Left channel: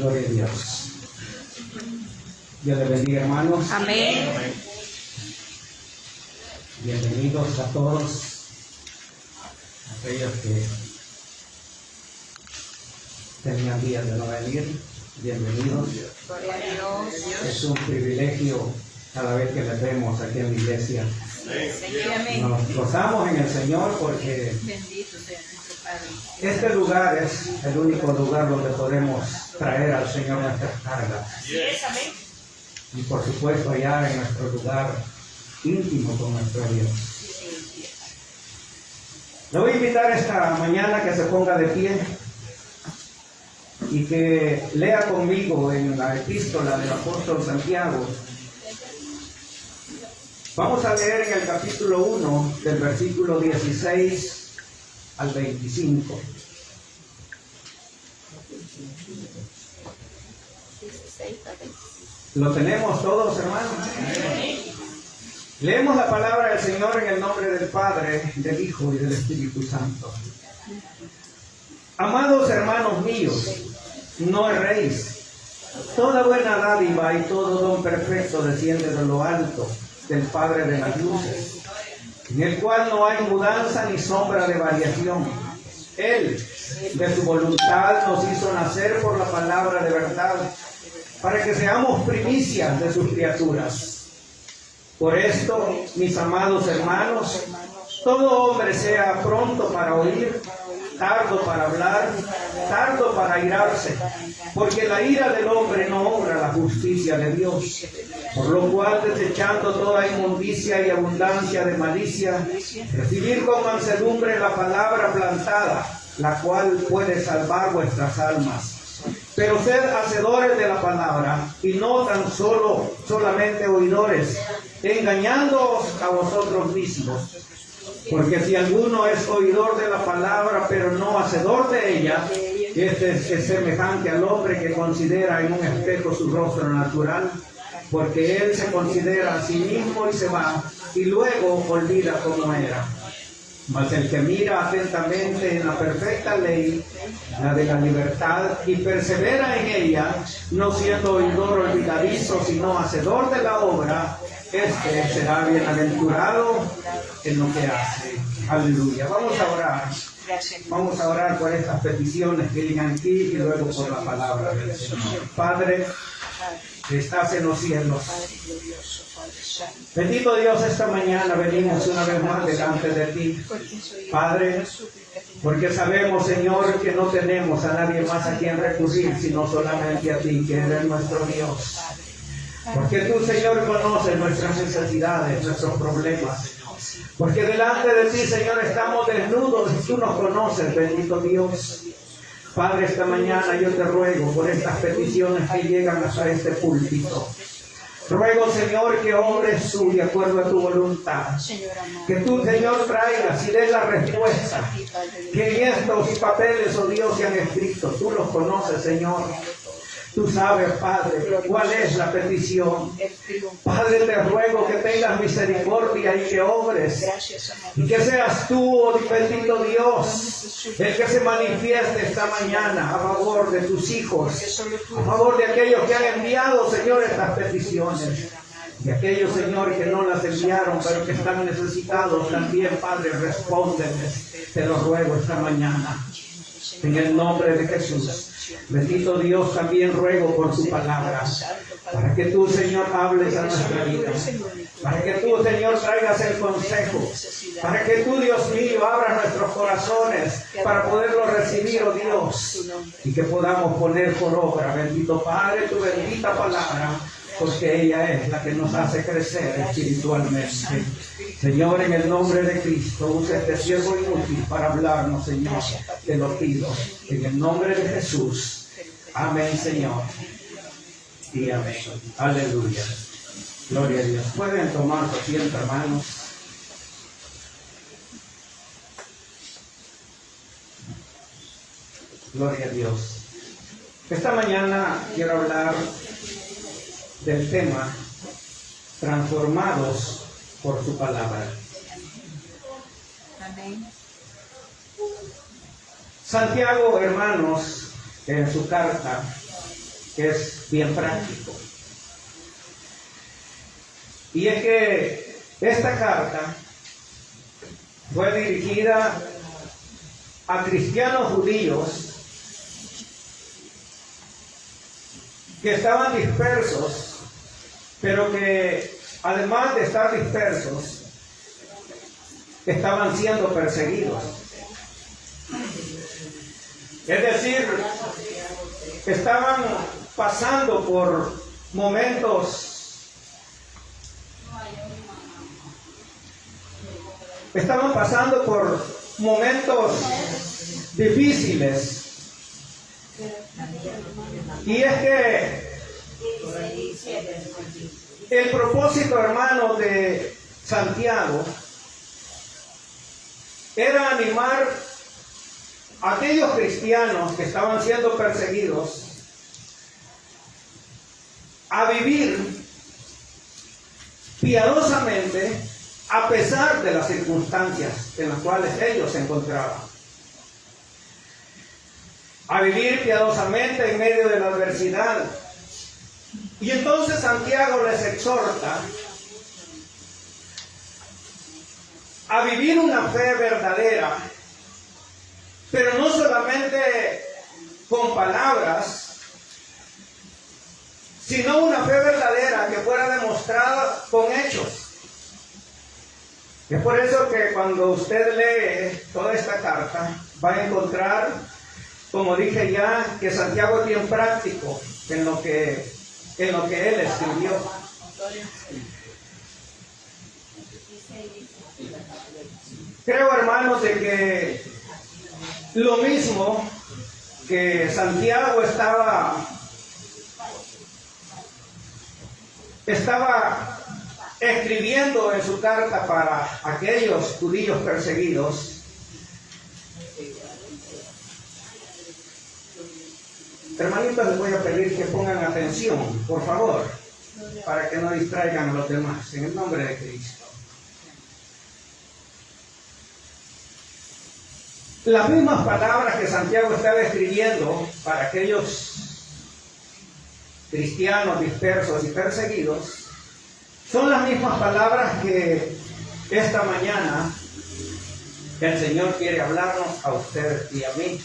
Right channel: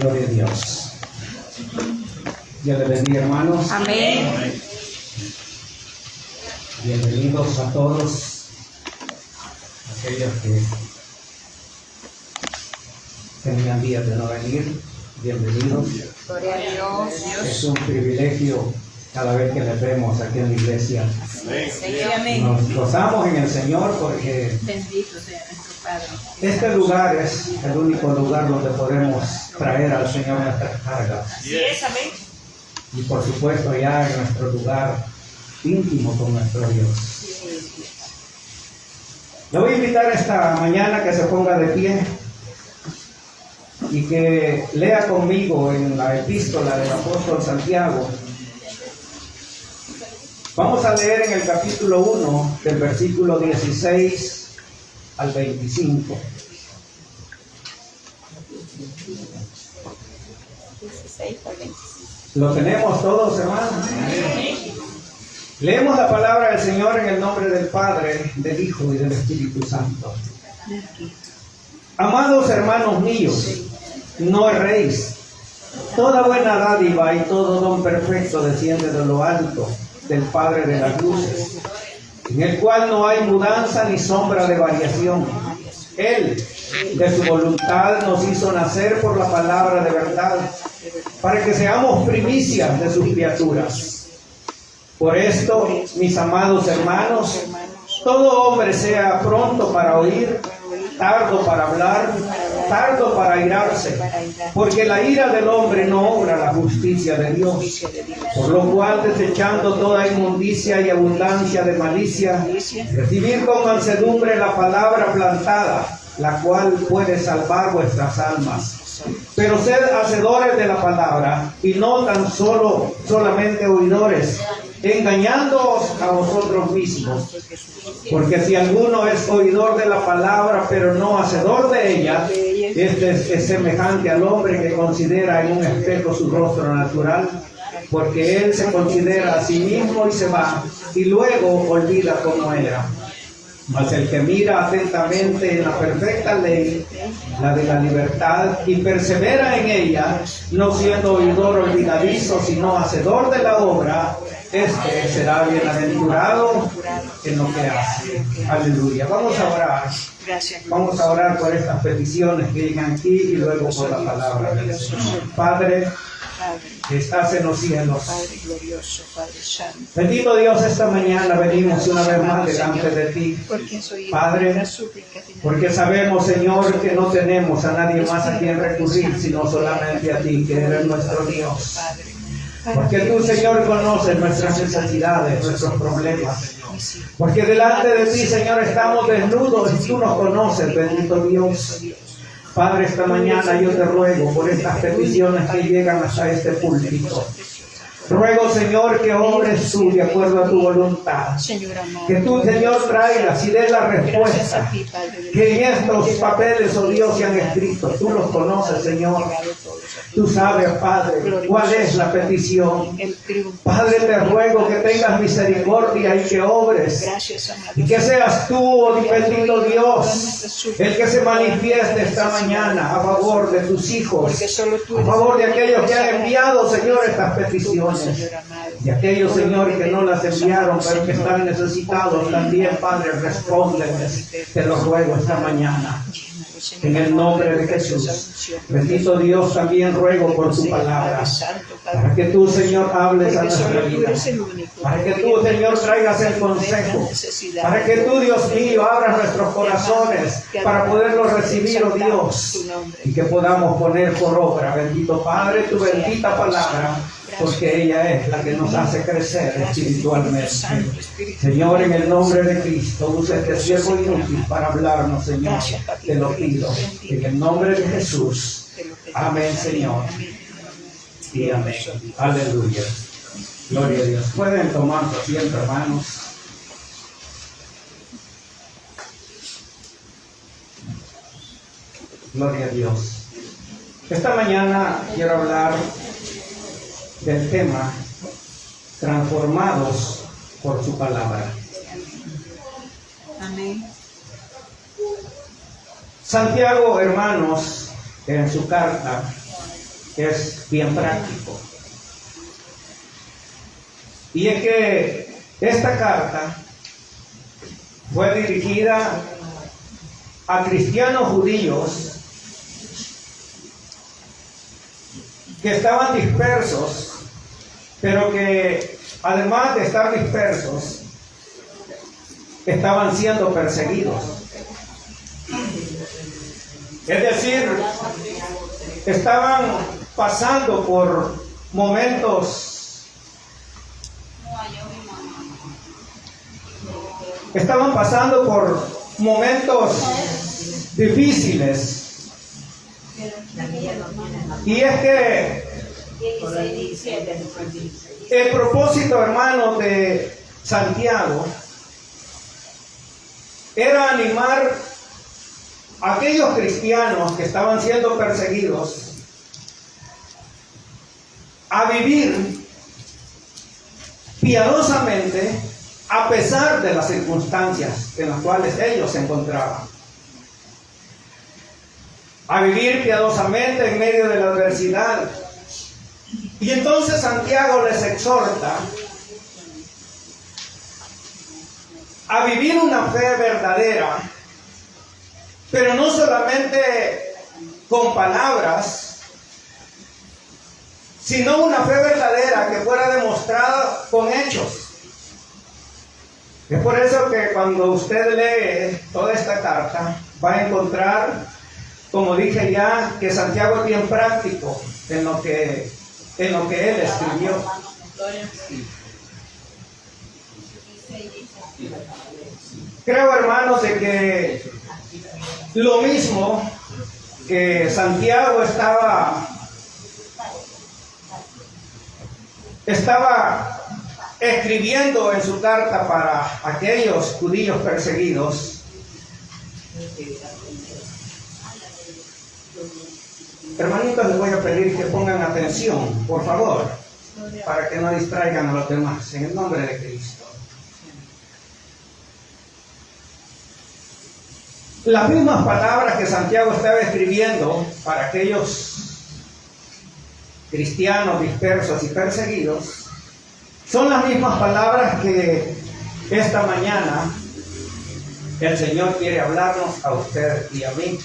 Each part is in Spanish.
Gloria a Dios. Dios les bendiga, hermanos. Amén. Bienvenidos a todos aquellos que tenían días de no venir. Bienvenidos. Gloria a Dios. Es un privilegio cada vez que les vemos aquí en la iglesia. Amén. Nos gozamos en el Señor porque Bendito sea nuestro Padre. este lugar es el único lugar donde podemos traer al Señor nuestras cargas. Sí es, amén. Y por supuesto ya en nuestro lugar íntimo con nuestro Dios. Le voy a invitar esta mañana que se ponga de pie y que lea conmigo en la epístola del apóstol Santiago. Vamos a leer en el capítulo 1 del versículo 16 al 25. ¿Lo tenemos todos, hermanos? Leemos la palabra del Señor en el nombre del Padre, del Hijo y del Espíritu Santo. Amados hermanos míos, no erréis. Toda buena dádiva y todo don perfecto desciende de lo alto, del Padre de las luces, en el cual no hay mudanza ni sombra de variación. Él, de su voluntad, nos hizo nacer por la palabra de verdad, para que seamos primicias de sus criaturas. Por esto, mis amados hermanos, todo hombre sea pronto para oír, tardo para hablar, tardo para airarse, porque la ira del hombre no obra la justicia de Dios. Por lo cual, desechando toda inmundicia y abundancia de malicia, recibid con mansedumbre la palabra plantada, la cual puede salvar vuestras almas. Pero sed hacedores de la palabra, y no tan solamente oidores, engañándoos a vosotros mismos. Porque si alguno es oidor de la palabra, pero no hacedor de ella, este es semejante al hombre que considera en un espejo su rostro natural, porque él se considera a sí mismo y se va, y luego olvida cómo era. Mas el que mira atentamente en la perfecta ley, la de la libertad, y persevera en ella, no siendo oidor olvidadizo, sino hacedor de la obra, este será bienaventurado en lo que hace. Aleluya. Vamos a orar. Vamos a orar por estas peticiones que llegan aquí y luego por la palabra del Señor. Padre, que estás en los cielos. Bendito Dios, esta mañana venimos una vez más delante de ti, Padre, porque sabemos, Señor, que no tenemos a nadie más a quien recurrir, sino solamente a ti, que eres nuestro Dios. Porque tú, Señor, conoces nuestras necesidades, nuestros problemas. Porque delante de ti, Señor, estamos desnudos y tú nos conoces, bendito Dios. Padre, esta mañana yo te ruego por estas peticiones que llegan hasta este púlpito. Ruego, Señor, que obres tú de acuerdo a tu voluntad. Que tú, Señor, traigas y des la respuesta. Que en estos papeles, oh Dios, se han escrito. Tú los conoces, Señor. Tú sabes, Padre, cuál es la petición. Padre, te ruego que tengas misericordia y que obres. Y que seas tú, oh bendito Dios, el que se manifieste esta mañana a favor de tus hijos, a favor de aquellos que han enviado, Señor, estas peticiones. Y aquellos, Señor, que no las enviaron, pero que están necesitados también, Padre, respóndeles. Te lo ruego esta mañana. En el nombre de Jesús. Bendito Dios, también ruego por tu palabra, para que tú, Señor, hables a nuestra vida, para que tú, Señor, traigas el consejo, para que tú, Dios mío, abras nuestros corazones para poderlos recibir, oh Dios, y que podamos poner por obra, bendito Padre, tu bendita palabra, porque ella es la que nos hace crecer espiritualmente. Señor, en el nombre de Cristo, usa este siervo inútil para hablarnos, Señor. Te lo pido. En el nombre de Jesús. Amén, Señor. Y amén. Aleluya. Gloria a Dios. Pueden tomar asiento, hermanos. Gloria a Dios. Esta mañana quiero hablar del tema transformados por su palabra. Amén. Santiago, hermanos, en su carta, que es bien práctico. Y es que esta carta fue dirigida a cristianos judíos que estaban dispersos, pero que además de estar dispersos, estaban siendo perseguidos. Es decir, estaban pasando por momentos difíciles. Y es que el propósito, hermano, de Santiago era animar a aquellos cristianos que estaban siendo perseguidos a vivir piadosamente a pesar de las circunstancias en las cuales ellos se encontraban. A vivir piadosamente en medio de la adversidad. Y entonces Santiago les exhorta a vivir una fe verdadera, pero no solamente con palabras, sino una fe verdadera que fuera demostrada con hechos. Es por eso que cuando usted lee toda esta carta, va a encontrar, como dije ya, que Santiago es bien práctico en lo que él escribió. Creo, hermanos, de que lo mismo que Santiago estaba escribiendo en su carta para aquellos judíos perseguidos, hermanitos, les voy a pedir que pongan atención, por favor, para que no distraigan a los demás, en el nombre de Cristo. Las mismas palabras que Santiago estaba escribiendo para aquellos cristianos dispersos y perseguidos son las mismas palabras que esta mañana el Señor quiere hablarnos a usted y a mí.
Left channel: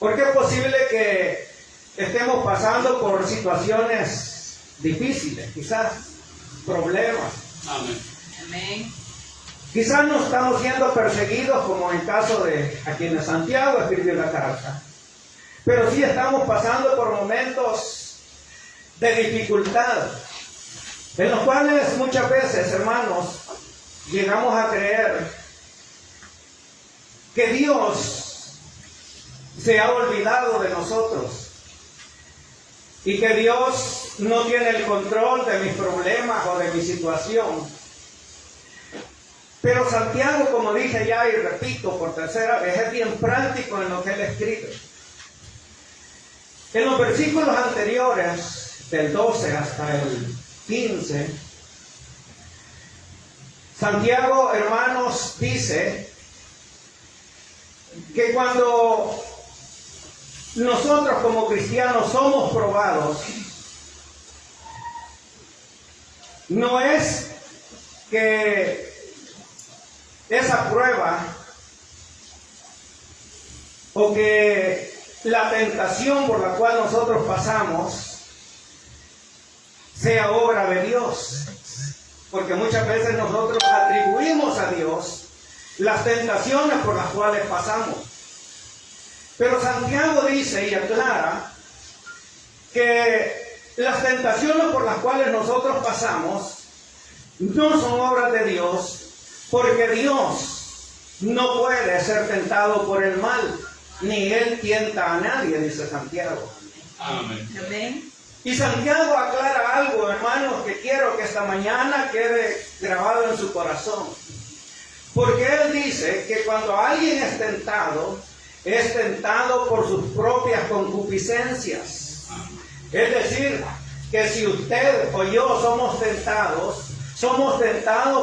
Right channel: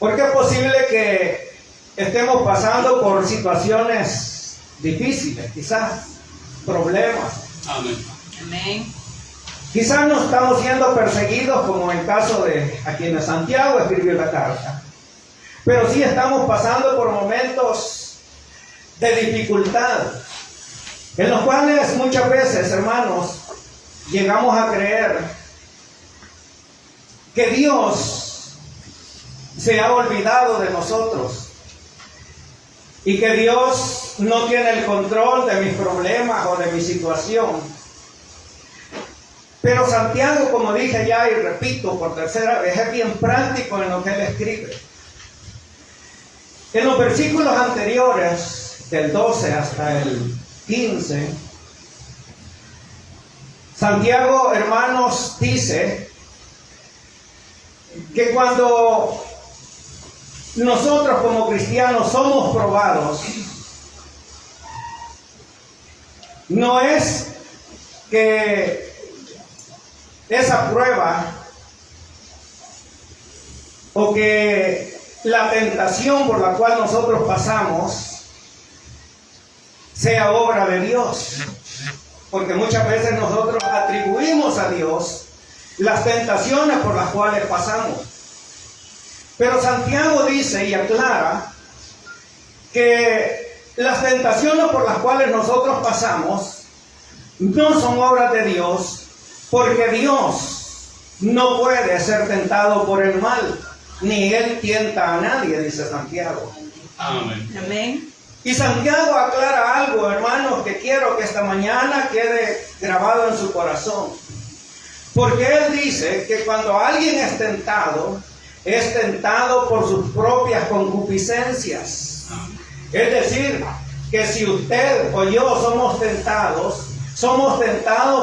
Porque es posible que estemos pasando por situaciones difíciles, quizás problemas. Amén. Quizás no estamos siendo perseguidos como en el caso de a quienes Santiago escribió la carta, pero sí estamos pasando por momentos de dificultad, en los cuales muchas veces, hermanos, llegamos a creer que Dios se ha olvidado de nosotros y que Dios no tiene el control de mis problemas o de mi situación. Pero Santiago, como dije ya y repito por tercera vez, es bien práctico en lo que él escribe. En los versículos anteriores, del 12 hasta el 15, Santiago, hermanos, dice que cuando nosotros como cristianos somos probados, no es que esa prueba o que la tentación por la cual nosotros pasamos sea obra de Dios, porque muchas veces nosotros atribuimos a Dios las tentaciones por las cuales pasamos. Pero Santiago dice y aclara que las tentaciones por las cuales nosotros pasamos no son obras de Dios, porque Dios no puede ser tentado por el mal, ni Él tienta a nadie, dice Santiago. Amén. Amén. Y Santiago aclara algo, hermanos, que quiero que esta mañana quede grabado en su corazón. Porque Él dice que cuando alguien es tentado por sus propias concupiscencias. Es decir, que si usted o yo somos tentados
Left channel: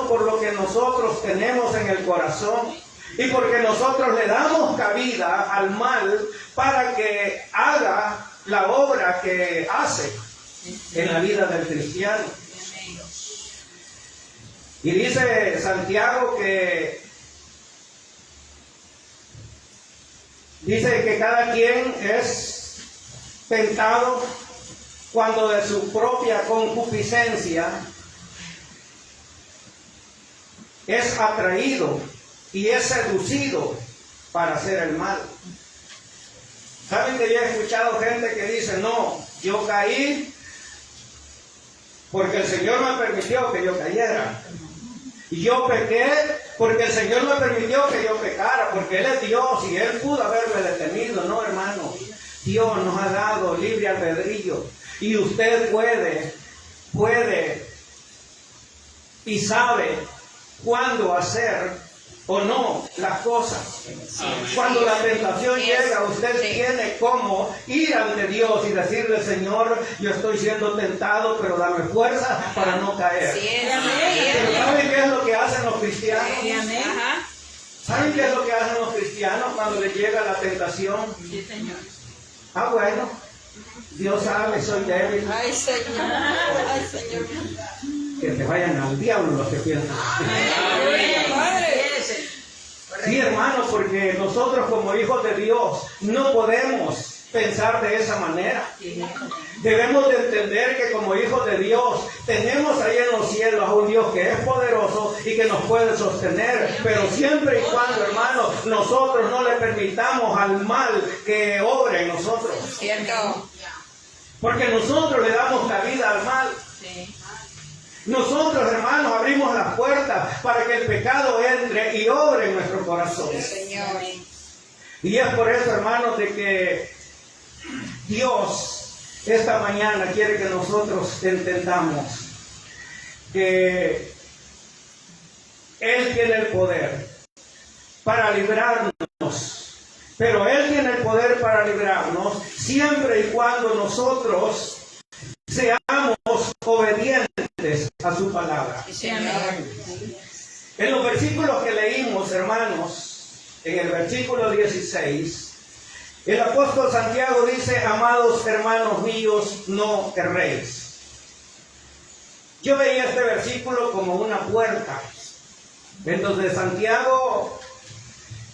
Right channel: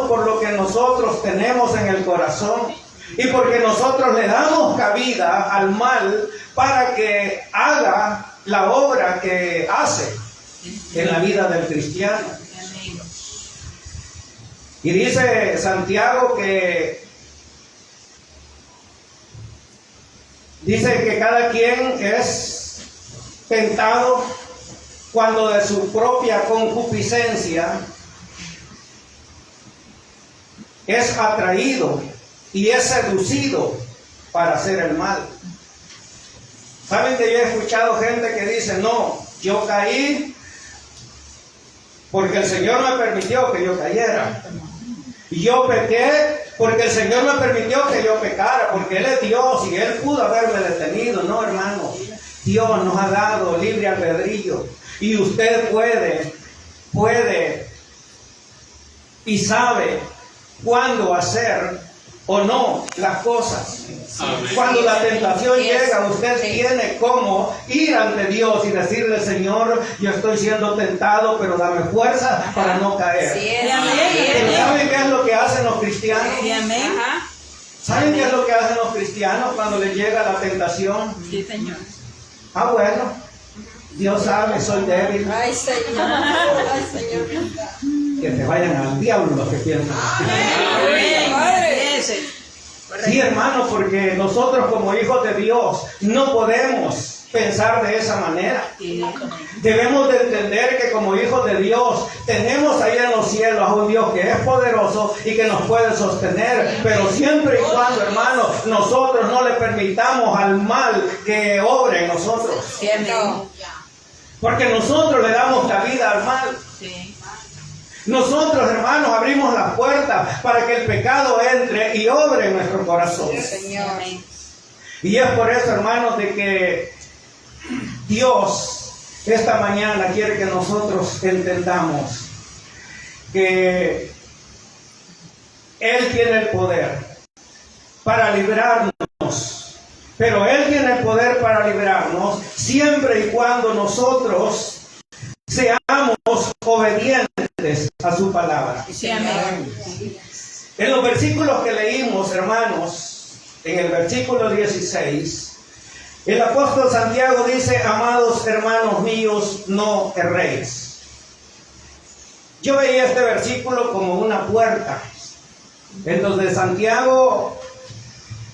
por lo que nosotros tenemos en el corazón y porque nosotros le damos cabida al mal para que haga la obra que hace en la vida del cristiano. Y dice Santiago que cada quien es tentado cuando de su propia concupiscencia es atraído y es seducido para hacer el mal. ¿Saben que yo he escuchado gente que dice, no, yo caí porque el Señor me permitió que yo cayera? Y yo pequé porque el Señor me permitió que yo pecara, porque Él es Dios y Él pudo haberme detenido. No, hermano, Dios nos ha dado libre albedrío y usted puede y sabe cuándo hacer o no las cosas. Amén. Cuando la tentación llega, usted tiene como ir ante Dios y decirle, Señor, yo estoy siendo tentado, pero dame fuerza para no caer. Pero ¿saben qué es lo que hacen los cristianos? ¿Saben qué es lo que hacen los cristianos cuando les llega la tentación? Sí, Señor. Ah, bueno, Dios sabe, soy débil. Ay, Señor. Ay, Señor. Que te vayan al diablo los que piensan. Sí, hermano, porque nosotros como hijos de Dios no podemos pensar de esa manera. Debemos de entender que como hijos de Dios tenemos ahí en los cielos a un Dios que es poderoso y que nos puede sostener, pero siempre y cuando, hermano, nosotros no le permitamos al mal que obre en nosotros. Porque nosotros le damos cabida al mal. Nosotros, hermanos, abrimos las puertas para que el pecado entre y obre en nuestro corazón. Y es por eso, hermanos, de que Dios esta mañana quiere que nosotros entendamos que Él tiene el poder para librarnos, pero Él tiene el poder para librarnos siempre y cuando nosotros seamos obedientes a su palabra. En los versículos que leímos, hermanos, en el versículo 16, el apóstol Santiago dice, amados hermanos míos, no erréis. Yo veía este versículo como una puerta, en donde Santiago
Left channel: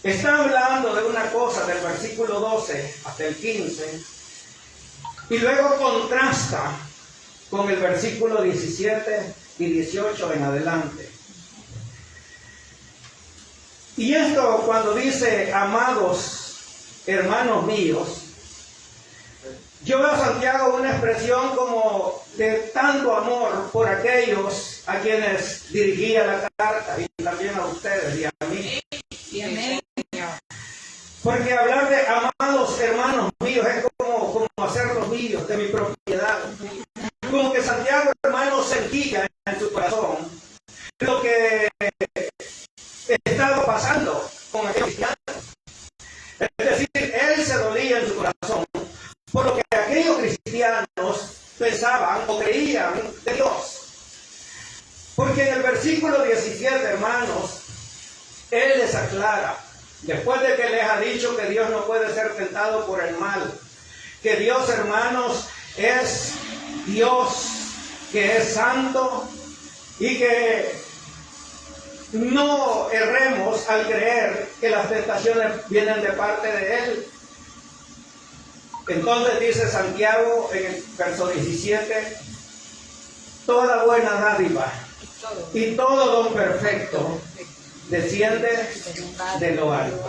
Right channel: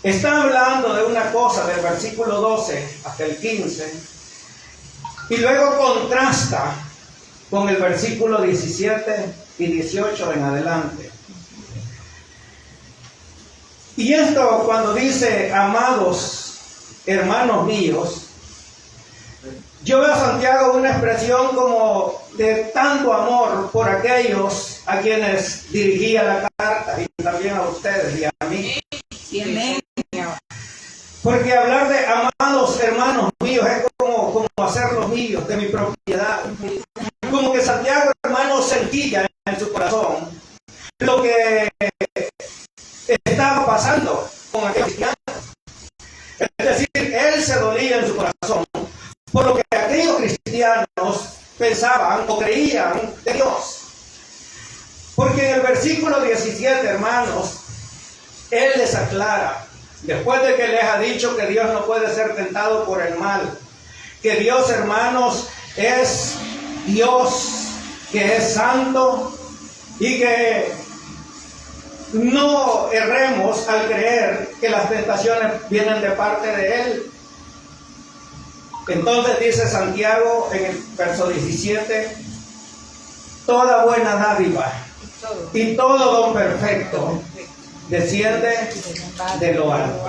está hablando de una cosa del versículo 12 hasta el 15, y luego contrasta con el versículo 17 y 18 en adelante. Y esto cuando dice, amados hermanos míos, yo veo a Santiago una expresión como de tanto amor por aquellos a quienes dirigía la carta y también a ustedes y a mí. Porque hablar de amados hermanos míos es como hacerlos míos, de mi propiedad. Como que Santiago, hermano, sentía en su corazón lo que estaba pasando con aquellos cristianos. Es decir, él se dolía en su corazón por lo que aquellos cristianos pensaban o creían de Dios. Porque en el versículo 17, hermanos, él les aclara, después de que les ha dicho que Dios no puede ser tentado por el mal, que Dios, hermanos, es Dios que es santo y que no erremos al creer que las tentaciones vienen de parte de Él. Entonces dice Santiago en el verso 17, toda buena dádiva y todo don perfecto desciende de lo alto.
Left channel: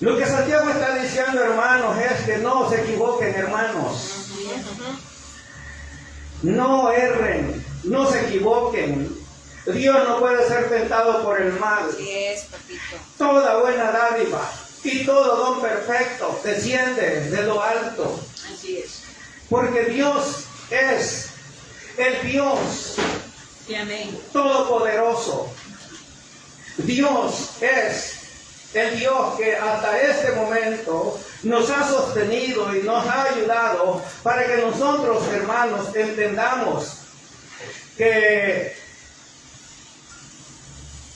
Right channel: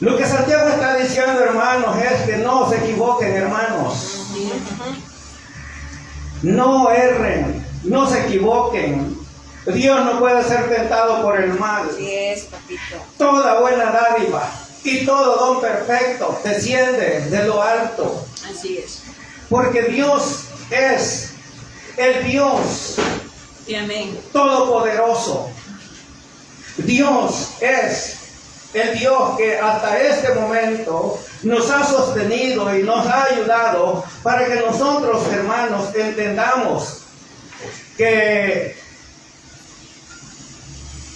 Lo que Santiago está diciendo, hermanos, es que no se equivoquen, hermanos. No erren, no se equivoquen. Dios no puede ser tentado por el mal. Toda buena dádiva y todo don perfecto desciende de lo alto. Así es. Porque Dios es el Dios todopoderoso. Dios es el Dios que hasta este momento nos ha sostenido y nos ha ayudado para que nosotros, hermanos, entendamos que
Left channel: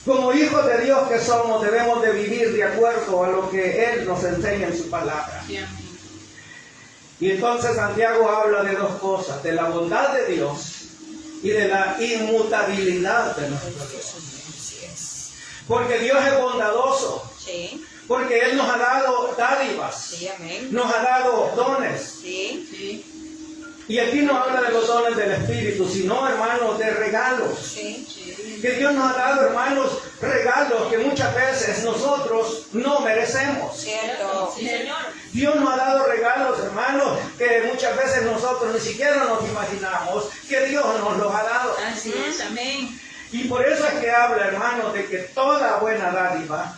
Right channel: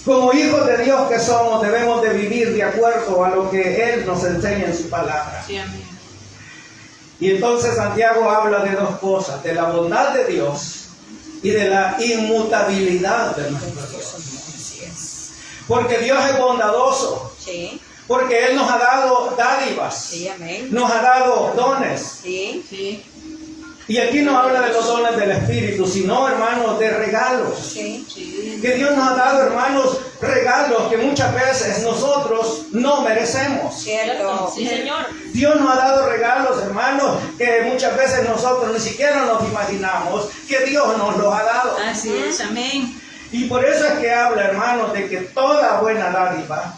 Como hijos de Dios que somos, debemos de vivir de acuerdo a lo que Él nos enseña en su palabra. Sí, amén. Y entonces Santiago habla de dos cosas, de la bondad de Dios y de la inmutabilidad de nuestro Dios. Porque Dios es bondadoso, Sí, porque Él nos ha dado dádivas, sí, amén. nos ha dado dones. Sí, Sí, Y aquí no habla de los dones del Espíritu, sino, hermanos, de regalos. sí, sí. Que Dios nos ha dado, hermanos, regalos que muchas veces nosotros no merecemos. cierto. Sí, Señor. Dios nos ha dado regalos, hermanos, que muchas veces nosotros ni siquiera nos imaginamos que Dios nos los ha dado. Así es, amén. Y por eso es que habla, hermanos, de que toda buena dádiva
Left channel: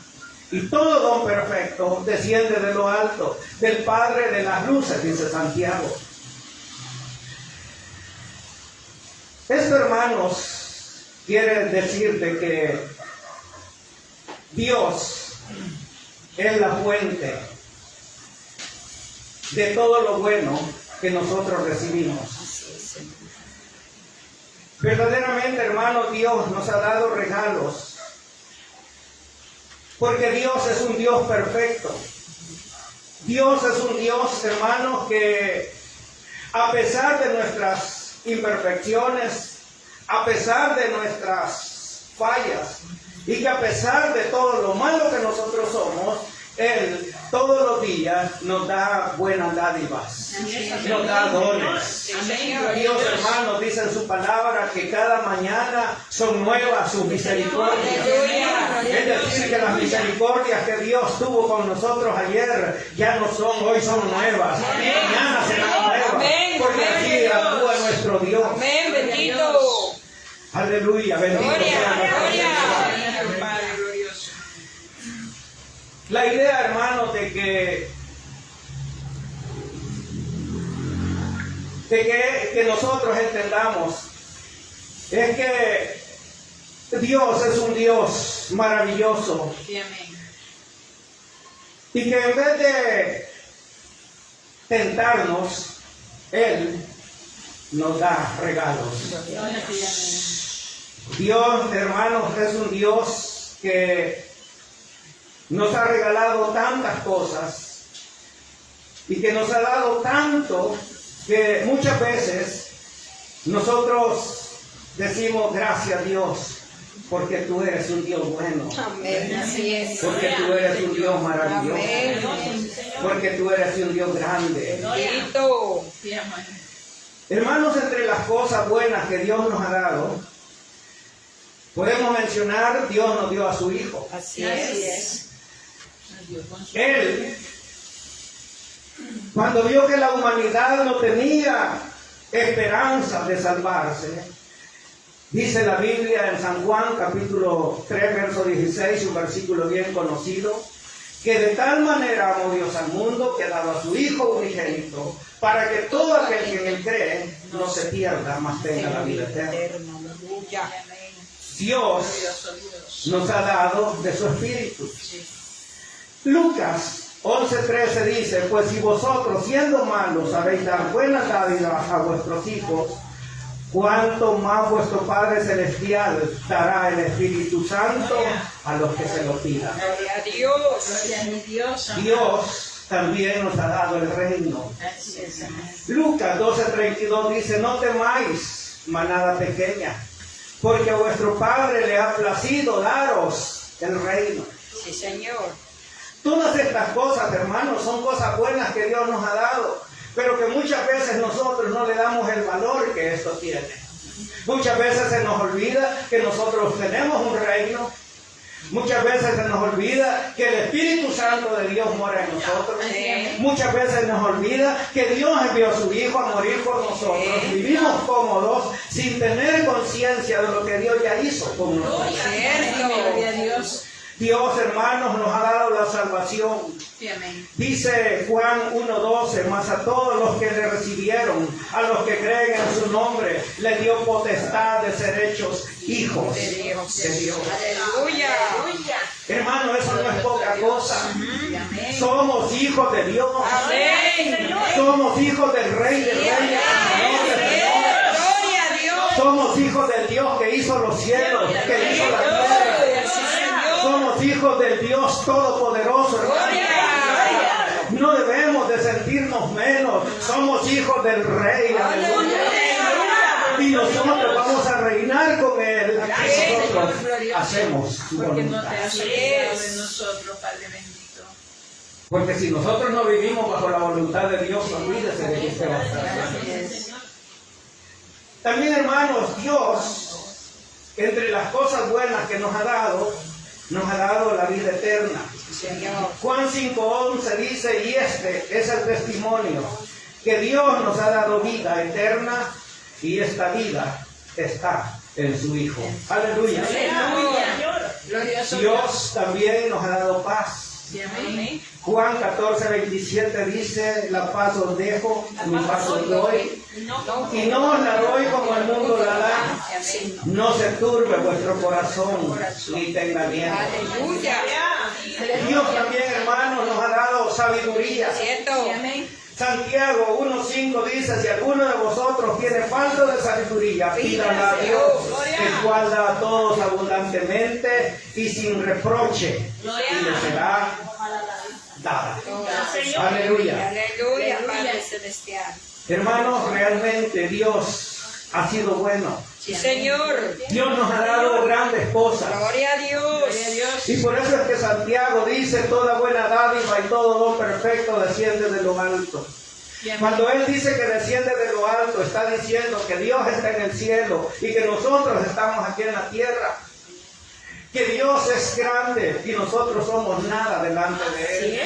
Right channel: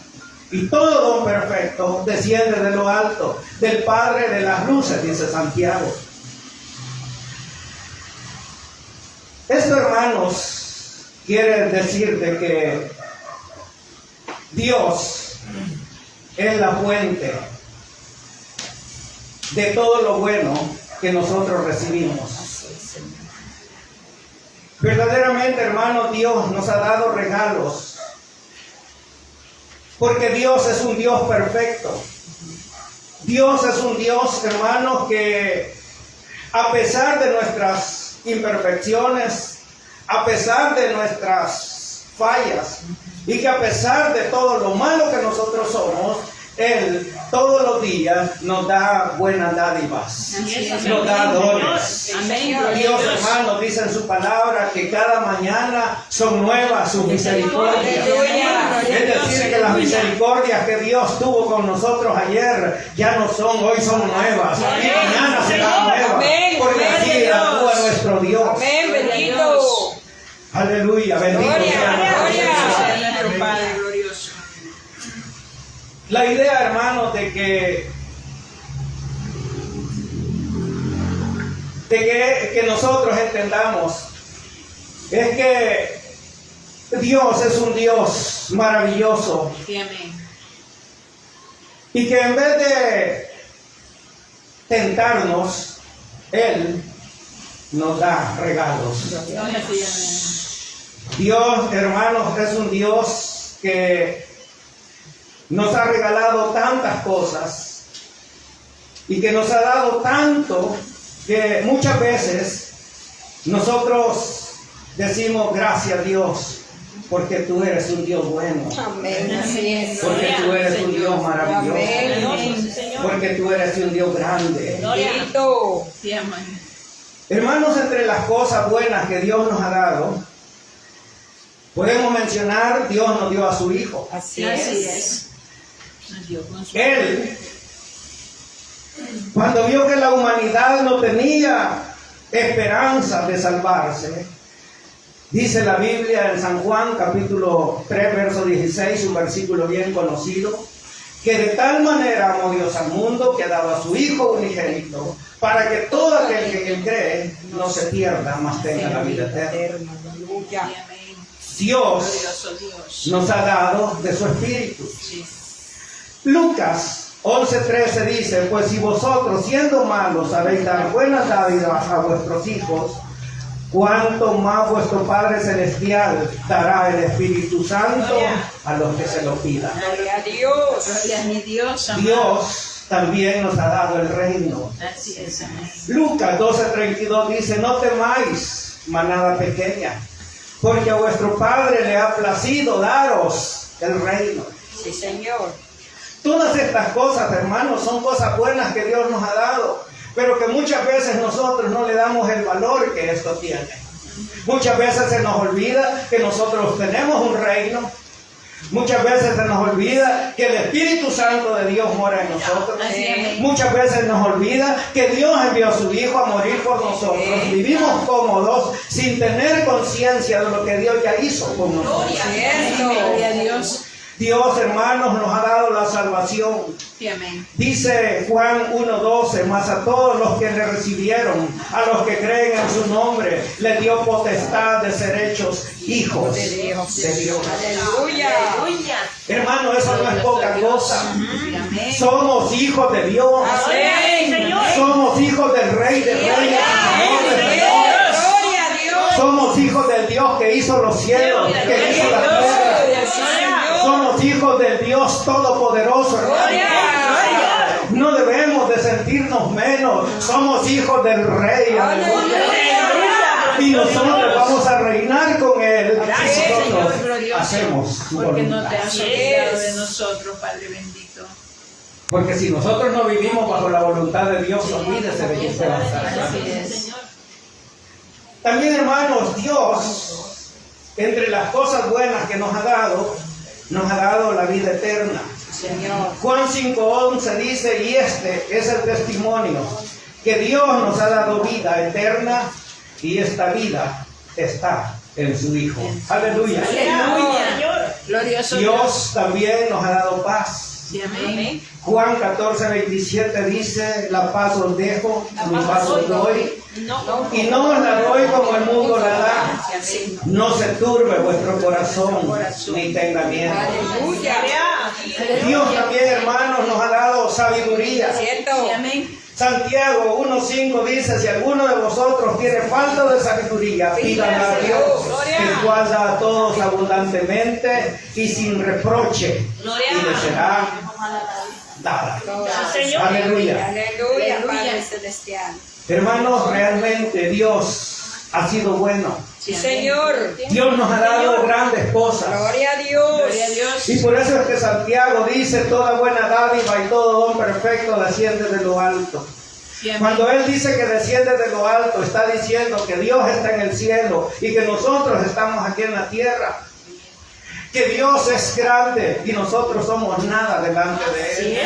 y todo don perfecto desciende de lo alto, del Padre de las luces, dice Santiago. Esto, hermanos, quiere decir de que Dios es la fuente de todo lo bueno que nosotros recibimos. Verdaderamente, hermanos, Dios nos ha dado regalos, porque Dios es un Dios perfecto. Dios es un Dios, hermanos, que a pesar de nuestras imperfecciones, a pesar de nuestras fallas, y que a pesar de todo lo malo que nosotros somos, Él todos los días nos da buenas dádivas, nos da dones. Amén. Dios, hermanos, dice en su palabra que cada mañana son nuevas sus misericordias. Es decir, que las misericordias que Dios tuvo con nosotros ayer ya no son, hoy son nuevas. Y mañana serán nuevas. Porque así actúa nuestro Dios. Amén, bendito. Aleluya, bendito sea Nuestro Padre glorioso. la idea, hermanos, de que nosotros entendamos es que Dios es un Dios maravilloso Sí, amén. y que en vez de tentarnos, Él nos da regalos. Gloria a ti, amén. Dios, hermanos, es un Dios que nos ha regalado tantas cosas y que nos ha dado tanto que muchas veces nosotros decimos gracias a Dios porque tú eres un Dios bueno, Amén, así es. porque tú eres un Dios maravilloso, Amén. porque tú eres un Dios grande. Bendito. Sí, amén. Hermanos, entre las cosas buenas que Dios nos ha dado, podemos mencionar, Dios nos dio a su Hijo. Así Así es. es. Nos dio consuelo. Él, cuando vio que la humanidad no tenía esperanza de salvarse, dice la Biblia en San Juan, capítulo 3, verso 16, un versículo bien conocido, que de tal manera amó Dios al mundo que ha dado a su Hijo unigénito, para que todo aquel que en él cree no se pierda, mas tenga la vida eterna. Aleluya. Sí, amén. Dios Glorioso Dios. nos ha dado de su Espíritu. Sí. Lucas 11:13 dice, pues si vosotros siendo malos sabéis dar buenas dádivas a vuestros hijos, cuánto más vuestro Padre Celestial dará el Espíritu Santo a los que se lo pidan. Gloria a Dios. Gloria a mi Dios, amén. Dios también nos ha dado el reino. Así es, amén. Lucas 12:32 dice, no temáis, manada pequeña, porque a vuestro Padre le ha placido daros el reino. Sí, Señor. Todas estas cosas, hermanos, son cosas buenas que Dios nos ha dado, pero que muchas veces nosotros no le damos el valor que esto tiene. Muchas veces se nos olvida que nosotros tenemos un reino. Muchas veces se nos olvida que el Espíritu Santo de Dios mora en nosotros. Muchas veces nos olvida que Dios envió a su Hijo a morir por nosotros. Vivimos cómodos sin tener conciencia de lo que Dios ya hizo con nosotros. Gloria a Dios. Dios, hermanos, nos ha dado la salvación. Sí, amén. Dice Juan 1:12, mas a todos los que le recibieron, a los que creen en su nombre, le dio potestad de ser hechos hijos de Dios. Aleluya. Hermano, eso no es poca cosa. Sí, amén. Somos hijos de Dios. Amén. Somos hijos del Rey de Reyes. Gloria a Dios. Somos hijos del Dios que hizo los cielos, que hizo la tierra. Somos hijos del Dios Todopoderoso, hermano. No debemos de sentirnos menos. Somos hijos del Rey. Y nosotros vamos a reinar con Él. Si nosotros hacemos su Porque no voluntad. te has olvidado de nosotros, Padre bendito. Porque si nosotros no vivimos bajo la voluntad de Dios, olvídese de que usted va a estar allá. Así es. También, hermanos, Dios, entre las cosas buenas que nos ha dado la vida eterna. Señor. Juan 5:11 dice, y este es el testimonio, que Dios nos ha dado vida eterna y esta vida está en su Hijo. Aleluya. Aleluya. Glorioso Dios también nos ha dado paz. Amén. Juan 14:27 dice, la paz os dejo, mi paz os doy. Y no os la doy como el mundo la da. No se turbe vuestro corazón, ni tenga miedo. Aleluya. Dios también, hermanos, nos ha dado sabiduría. Cierto. Amén. Santiago 1:5 dice, si alguno de vosotros tiene falta de sabiduría, pídala a Dios, que cual da a todos abundantemente y sin reproche, y le será dada. Aleluya. Aleluya, Padre Celestial. Hermanos, realmente Dios ha sido bueno. Sí, Señor. Dios nos ha dado grandes cosas. Gloria a Dios. Gloria a Dios. Y por eso es que Santiago dice, toda buena dádiva y todo don perfecto desciende de lo alto. Cuando Él dice que desciende de lo alto, está diciendo que Dios está en el cielo y que nosotros estamos aquí en la tierra. Que Dios es grande y nosotros somos nada delante de Él.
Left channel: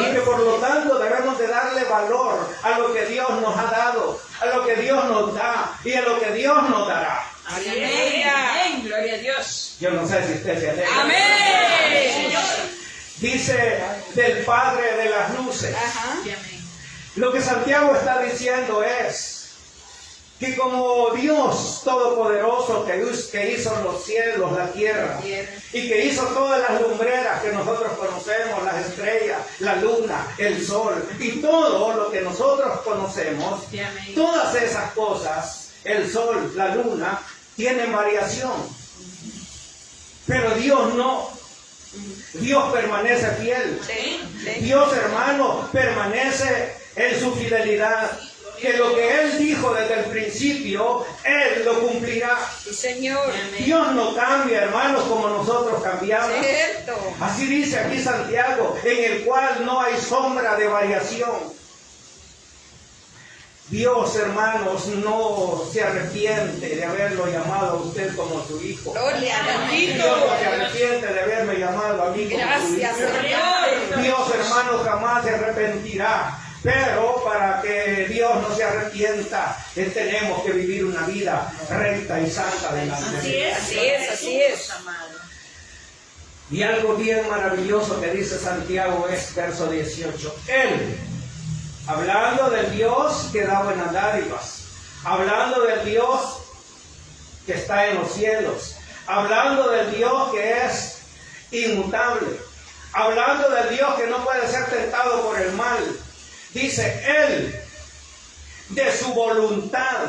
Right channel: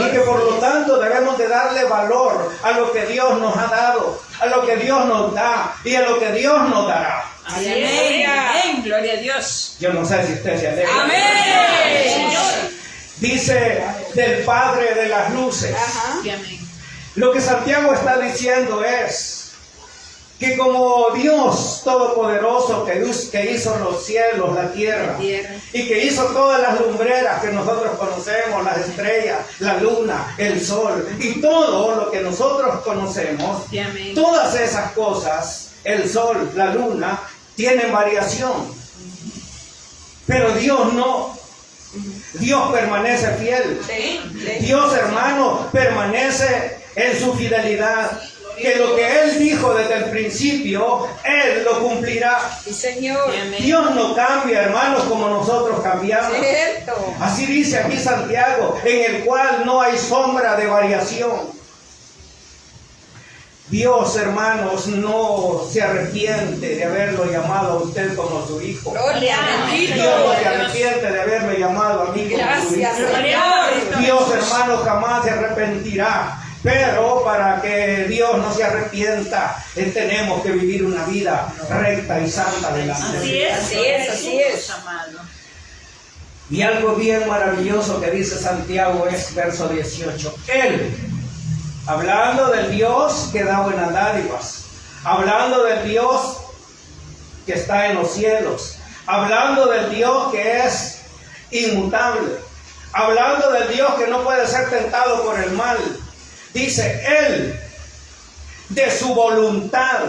Y que por lo tanto debemos de darle valor a lo que Dios nos ha dado, a lo que Dios nos da y a lo que Dios nos dará. Amén. Gloria a Dios. Yo no sé si usted se alegra. Amén. Dice del Padre de las luces. Ajá. Amén. Lo que Santiago está diciendo es que como Dios Todopoderoso que hizo los cielos, la tierra, y que hizo todas las lumbreras que nosotros conocemos, las estrellas, la luna, el sol, y todo lo que nosotros conocemos, Amén. todas esas cosas, el sol, la luna, tienen variación. Pero Dios no. Dios permanece fiel. Sí. Dios, hermano, permanece en su fidelidad. Que lo que Él dijo desde el principio, Él lo cumplirá. Sí, Señor. Dios no cambia, hermanos, como nosotros cambiamos. Cierto. Así dice aquí Santiago, en el cual no hay sombra de variación. Dios, hermanos, no se arrepiente de haberlo llamado a usted como su hijo. Gloria a Dios no se arrepiente de haberme llamado a mí como su hijo. Gracias, Señor. Dios, hermano, jamás se arrepentirá. Pero para que Dios no se arrepienta, tenemos que vivir una vida recta y santa delante de Él. Así es, así es. Amado. Y algo bien maravilloso que dice Santiago es verso 18. Él, hablando del Dios que da buenas dádivas, hablando del Dios que está en los cielos, hablando del Dios que es inmutable, hablando del Dios que no puede ser tentado por el mal. Dice, Él, de su voluntad,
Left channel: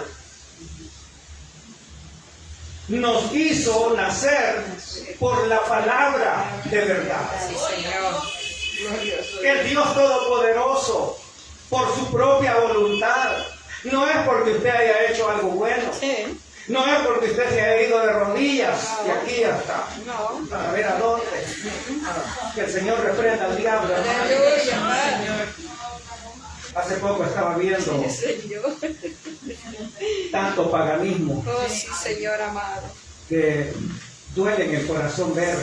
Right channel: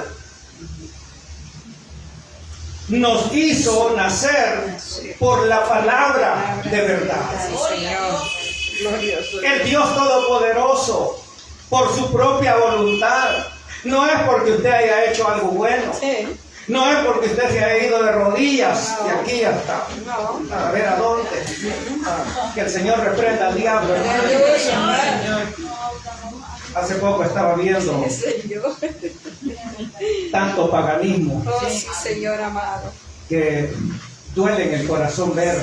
nos hizo nacer por la palabra de verdad. Sí, Señor. Glorioso. El Dios Todopoderoso, por su propia voluntad. No es porque usted haya hecho algo bueno. Sí. No es porque usted se haya ido de rodillas y aquí ya está. No. A ver a dónde. Que el Señor reprenda al diablo, hermano. Hace poco estaba viendo Señor. tanto paganismo Oh, sí, Señor amado. que duele en el corazón ver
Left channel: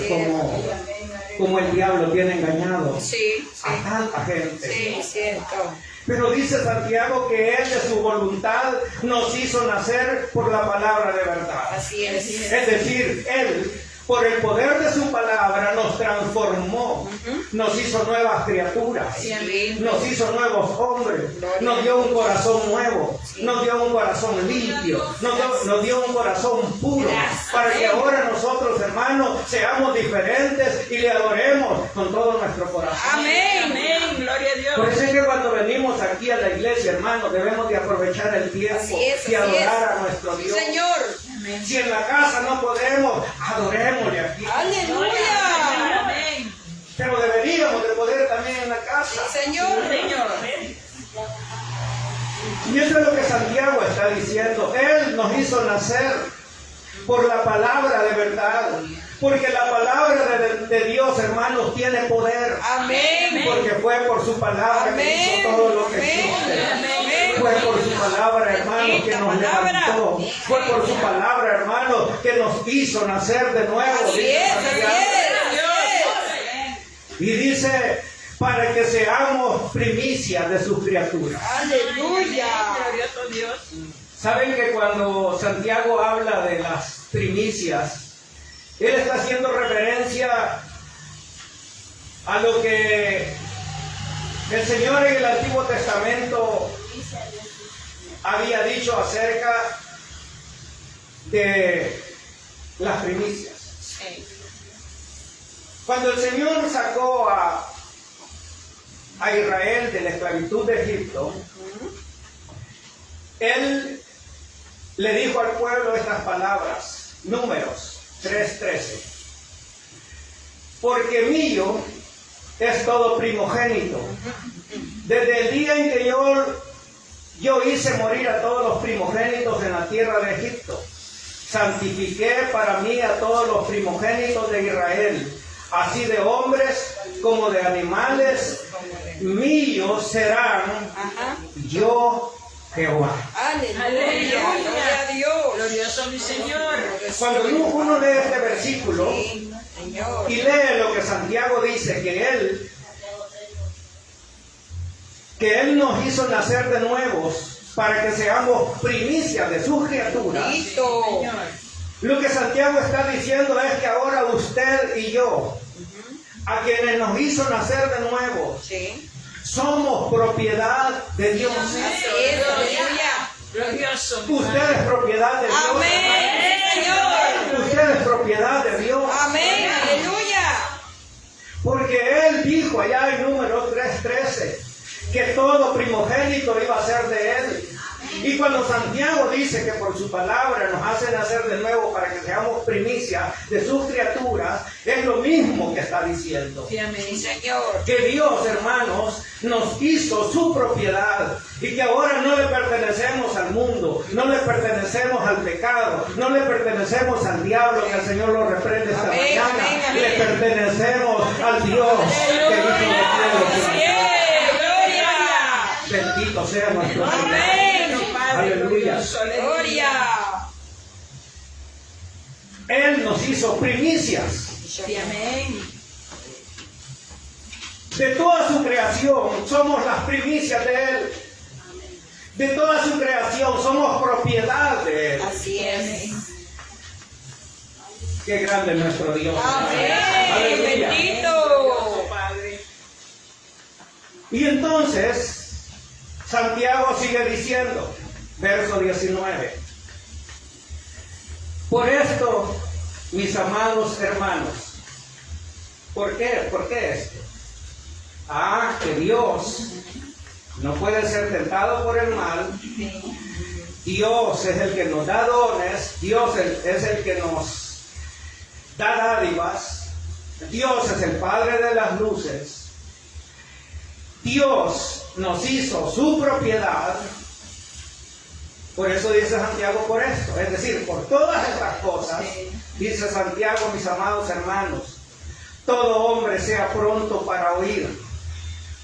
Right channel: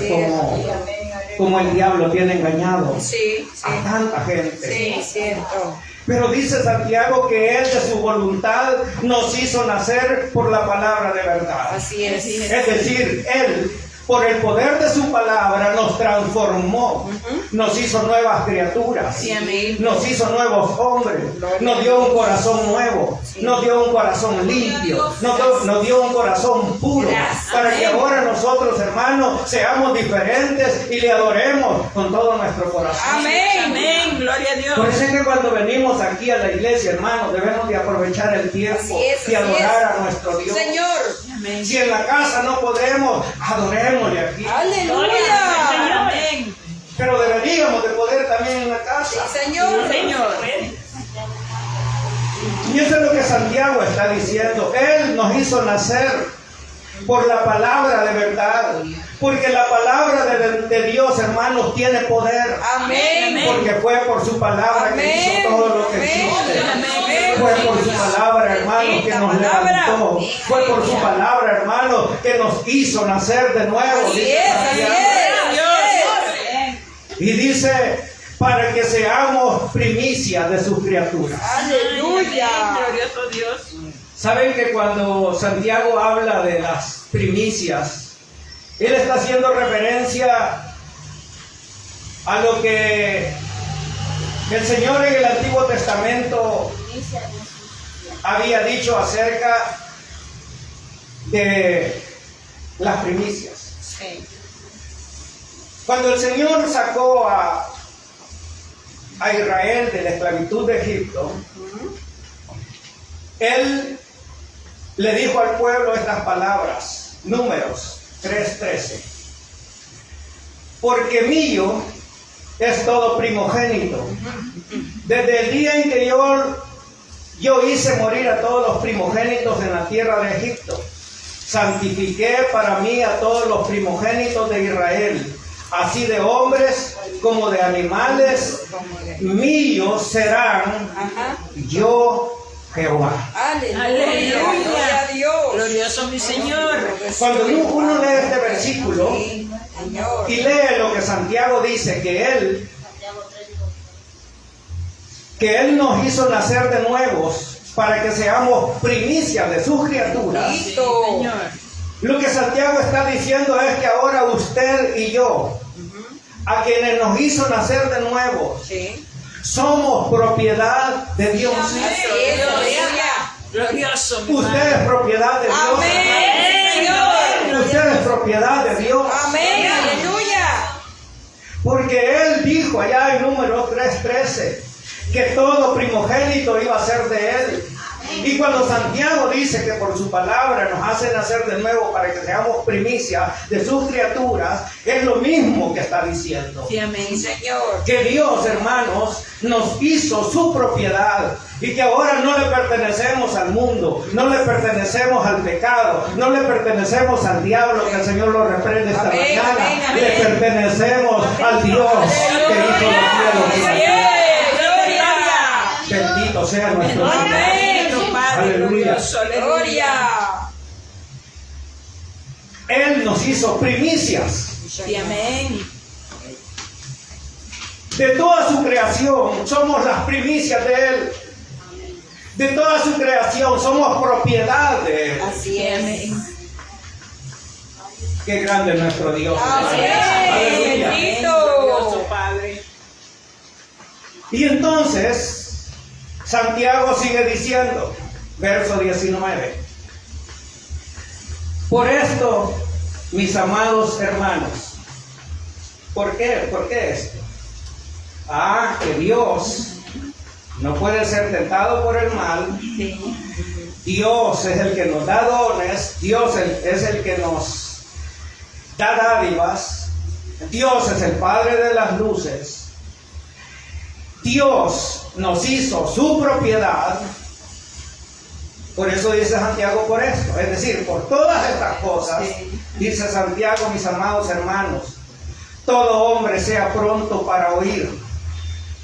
cómo el diablo tiene engañado Sí, a sí. tanta gente. Sí, cierto. Pero dice Santiago que Él de su voluntad nos hizo nacer por la palabra de verdad. Así es. Es decir, Él, por el poder de su palabra, nos transformó, nos hizo nuevas criaturas, Sí, amén. nos hizo nuevos hombres, nos dio un corazón nuevo, nos dio un corazón limpio, nos dio un corazón puro, para que ahora nosotros, hermanos, seamos diferentes y le adoremos con todo nuestro corazón. Amén. Amén. Gloria a Dios. Por eso es que cuando venimos aquí a la iglesia, hermanos, debemos de aprovechar el tiempo Así es, y así adorar es. a nuestro Dios. Señor. Amén. Si en la casa no podemos, adorémosle aquí. Aleluya. Santiago está diciendo. Él nos hizo nacer por la palabra de verdad. Porque la palabra de Dios, hermanos, tiene poder. Amén. Porque fue por su palabra que hizo todo lo que existe. Fue por su palabra, hermano, que nos levantó. Fue por su palabra, hermano, que nos hizo nacer de nuevo. Así es, así es. Y dice, para que seamos primicia de sus criaturas. Aleluya. Glorioso Dios. Saben que cuando Santiago habla de las primicias, él está haciendo referencia a lo que el Señor en el Antiguo Testamento había dicho acerca de las primicias. Sí. Cuando el Señor sacó a Israel de la esclavitud de Egipto, Él le dijo al pueblo estas palabras, Números 3:13. Porque mío es todo primogénito. Desde el día en que yo hice morir a todos los primogénitos en la tierra de Egipto, santifiqué para mí a todos los primogénitos de Israel, así de hombres como de animales, míos serán, yo Jehová. Aleluya. Gloria a Dios. Glorioso mi Señor. Cuando uno lee este versículo Señor. y lee lo que Santiago dice, que Él nos hizo nacer de nuevos para que seamos primicias de sus criaturas. Listo. Señor. Lo que Santiago está diciendo es que ahora usted y yo, a quienes nos hizo nacer de nuevo, Sí. somos propiedad de Dios. Así es, aleluya. Glorioso mi Usted Padre. es propiedad de Dios. Amén, Señor. Usted es propiedad de Dios. Amén, aleluya. Porque Él dijo allá en Números 3:13 que todo primogénito iba a ser de Él. Y cuando Santiago dice que por su palabra nos hace nacer de nuevo para que seamos primicia de sus criaturas, es lo mismo que está diciendo. Sí, amén. Sí, Señor. Que Dios, hermanos, nos hizo su propiedad y que ahora no le pertenecemos al mundo, no le pertenecemos al pecado, no le pertenecemos al diablo, que el Señor lo reprende esta Amén, mañana, amén, amén. le pertenecemos al Dios que hizo los cielos y la tierra. Bendito sea nuestro Señor. Amén. Padre Aleluya. glorioso, aleluya. Gloria. Él nos hizo primicias Sí, amén. de toda su creación, somos las primicias de Él. De toda su creación somos propiedad de Él. Así Sí, es. amén. Qué grande es nuestro Dios. Amén. Aleluya. Glorioso Padre. Y entonces, Santiago sigue diciendo, verso 19. Por esto, mis amados hermanos, ¿por qué? ¿Por qué esto? Que Dios no puede ser tentado por el mal. Sí. Dios es el que nos da dones, Dios es el que nos da dádivas, Dios es el Padre de las luces, Dios nos hizo su propiedad. Por eso dice Santiago por esto, es decir, por todas estas cosas, dice Santiago, mis amados hermanos, todo hombre sea pronto para oír,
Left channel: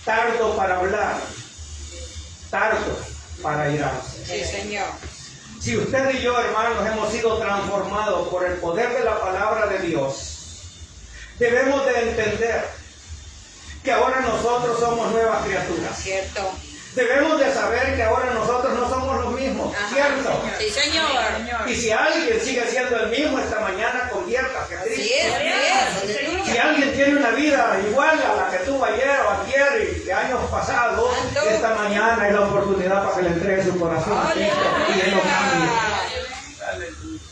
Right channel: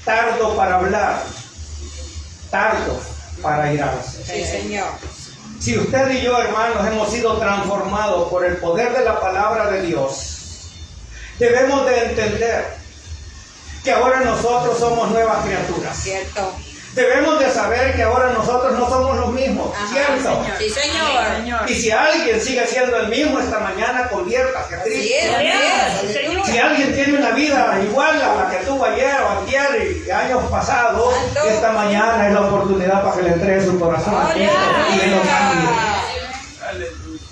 tardo para hablar, tardo para irarse. Sí, Señor. Si usted y yo, hermanos, hemos sido transformados por el poder de la palabra de Dios, debemos de entender que ahora nosotros somos nuevas criaturas. Cierto. Debemos de saber que ahora nosotros no somos los mismos, ¿cierto? Sí, Señor. Y si alguien sigue siendo el mismo esta mañana, conviértase a Así Cristo. es, así es. Aleluya. Si alguien tiene una vida igual a la que tuvo ayer o ayer y años pasados, esta mañana es la oportunidad para que le entregue su corazón a Cristo y que lo cambie.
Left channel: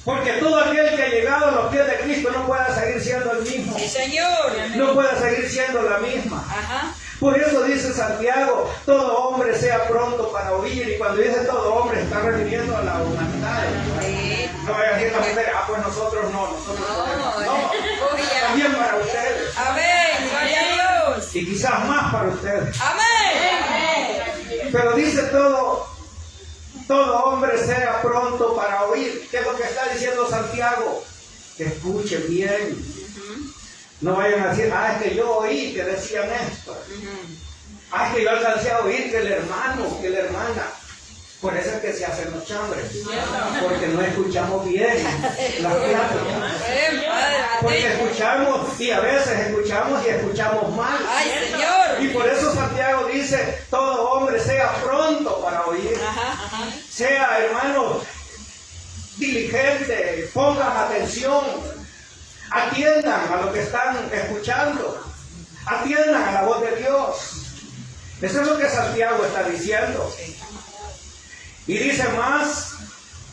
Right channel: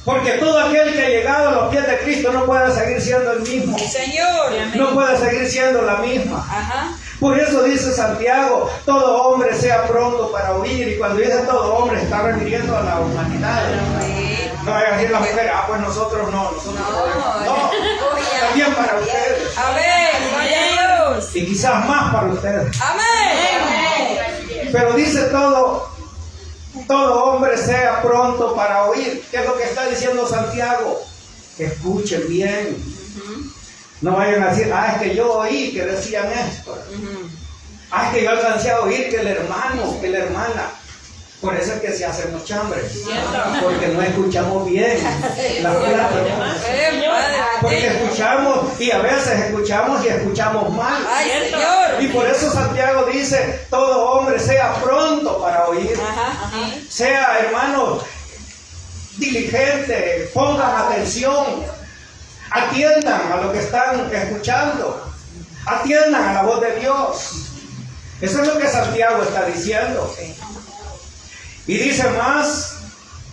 Porque todo aquel que ha llegado a los pies de Cristo no puede seguir siendo el mismo. Sí, Señor. No puede seguir siendo la misma. Ajá. Por eso dice Santiago, todo hombre sea pronto para oír. Y cuando dice todo hombre, está refiriendo a la humanidad. Sí. No vaya a decir la mujer, pues nosotros no, nosotros no. No. También para ustedes. Amén. Gloria a Dios. Y quizás más para ustedes. Amén. Pero dice todo Todo hombre sea pronto para oír. ¿Qué es lo que está diciendo Santiago? Escuchen bien. No vayan a decir, es que yo oí que decían esto. Es que yo alcancé a oír que el hermano, que la hermana. Por eso es que se hacen los chambres. Porque no escuchamos bien las pláticas. Porque escuchamos y a veces escuchamos y escuchamos mal. Ay, Señor. Y por eso Santiago dice, todo hombre sea pronto para oír. Sea, hermano, diligente, pongan atención, atiendan a lo que están escuchando, atiendan a la voz de Dios. Eso es lo que Santiago está diciendo. Y dice más,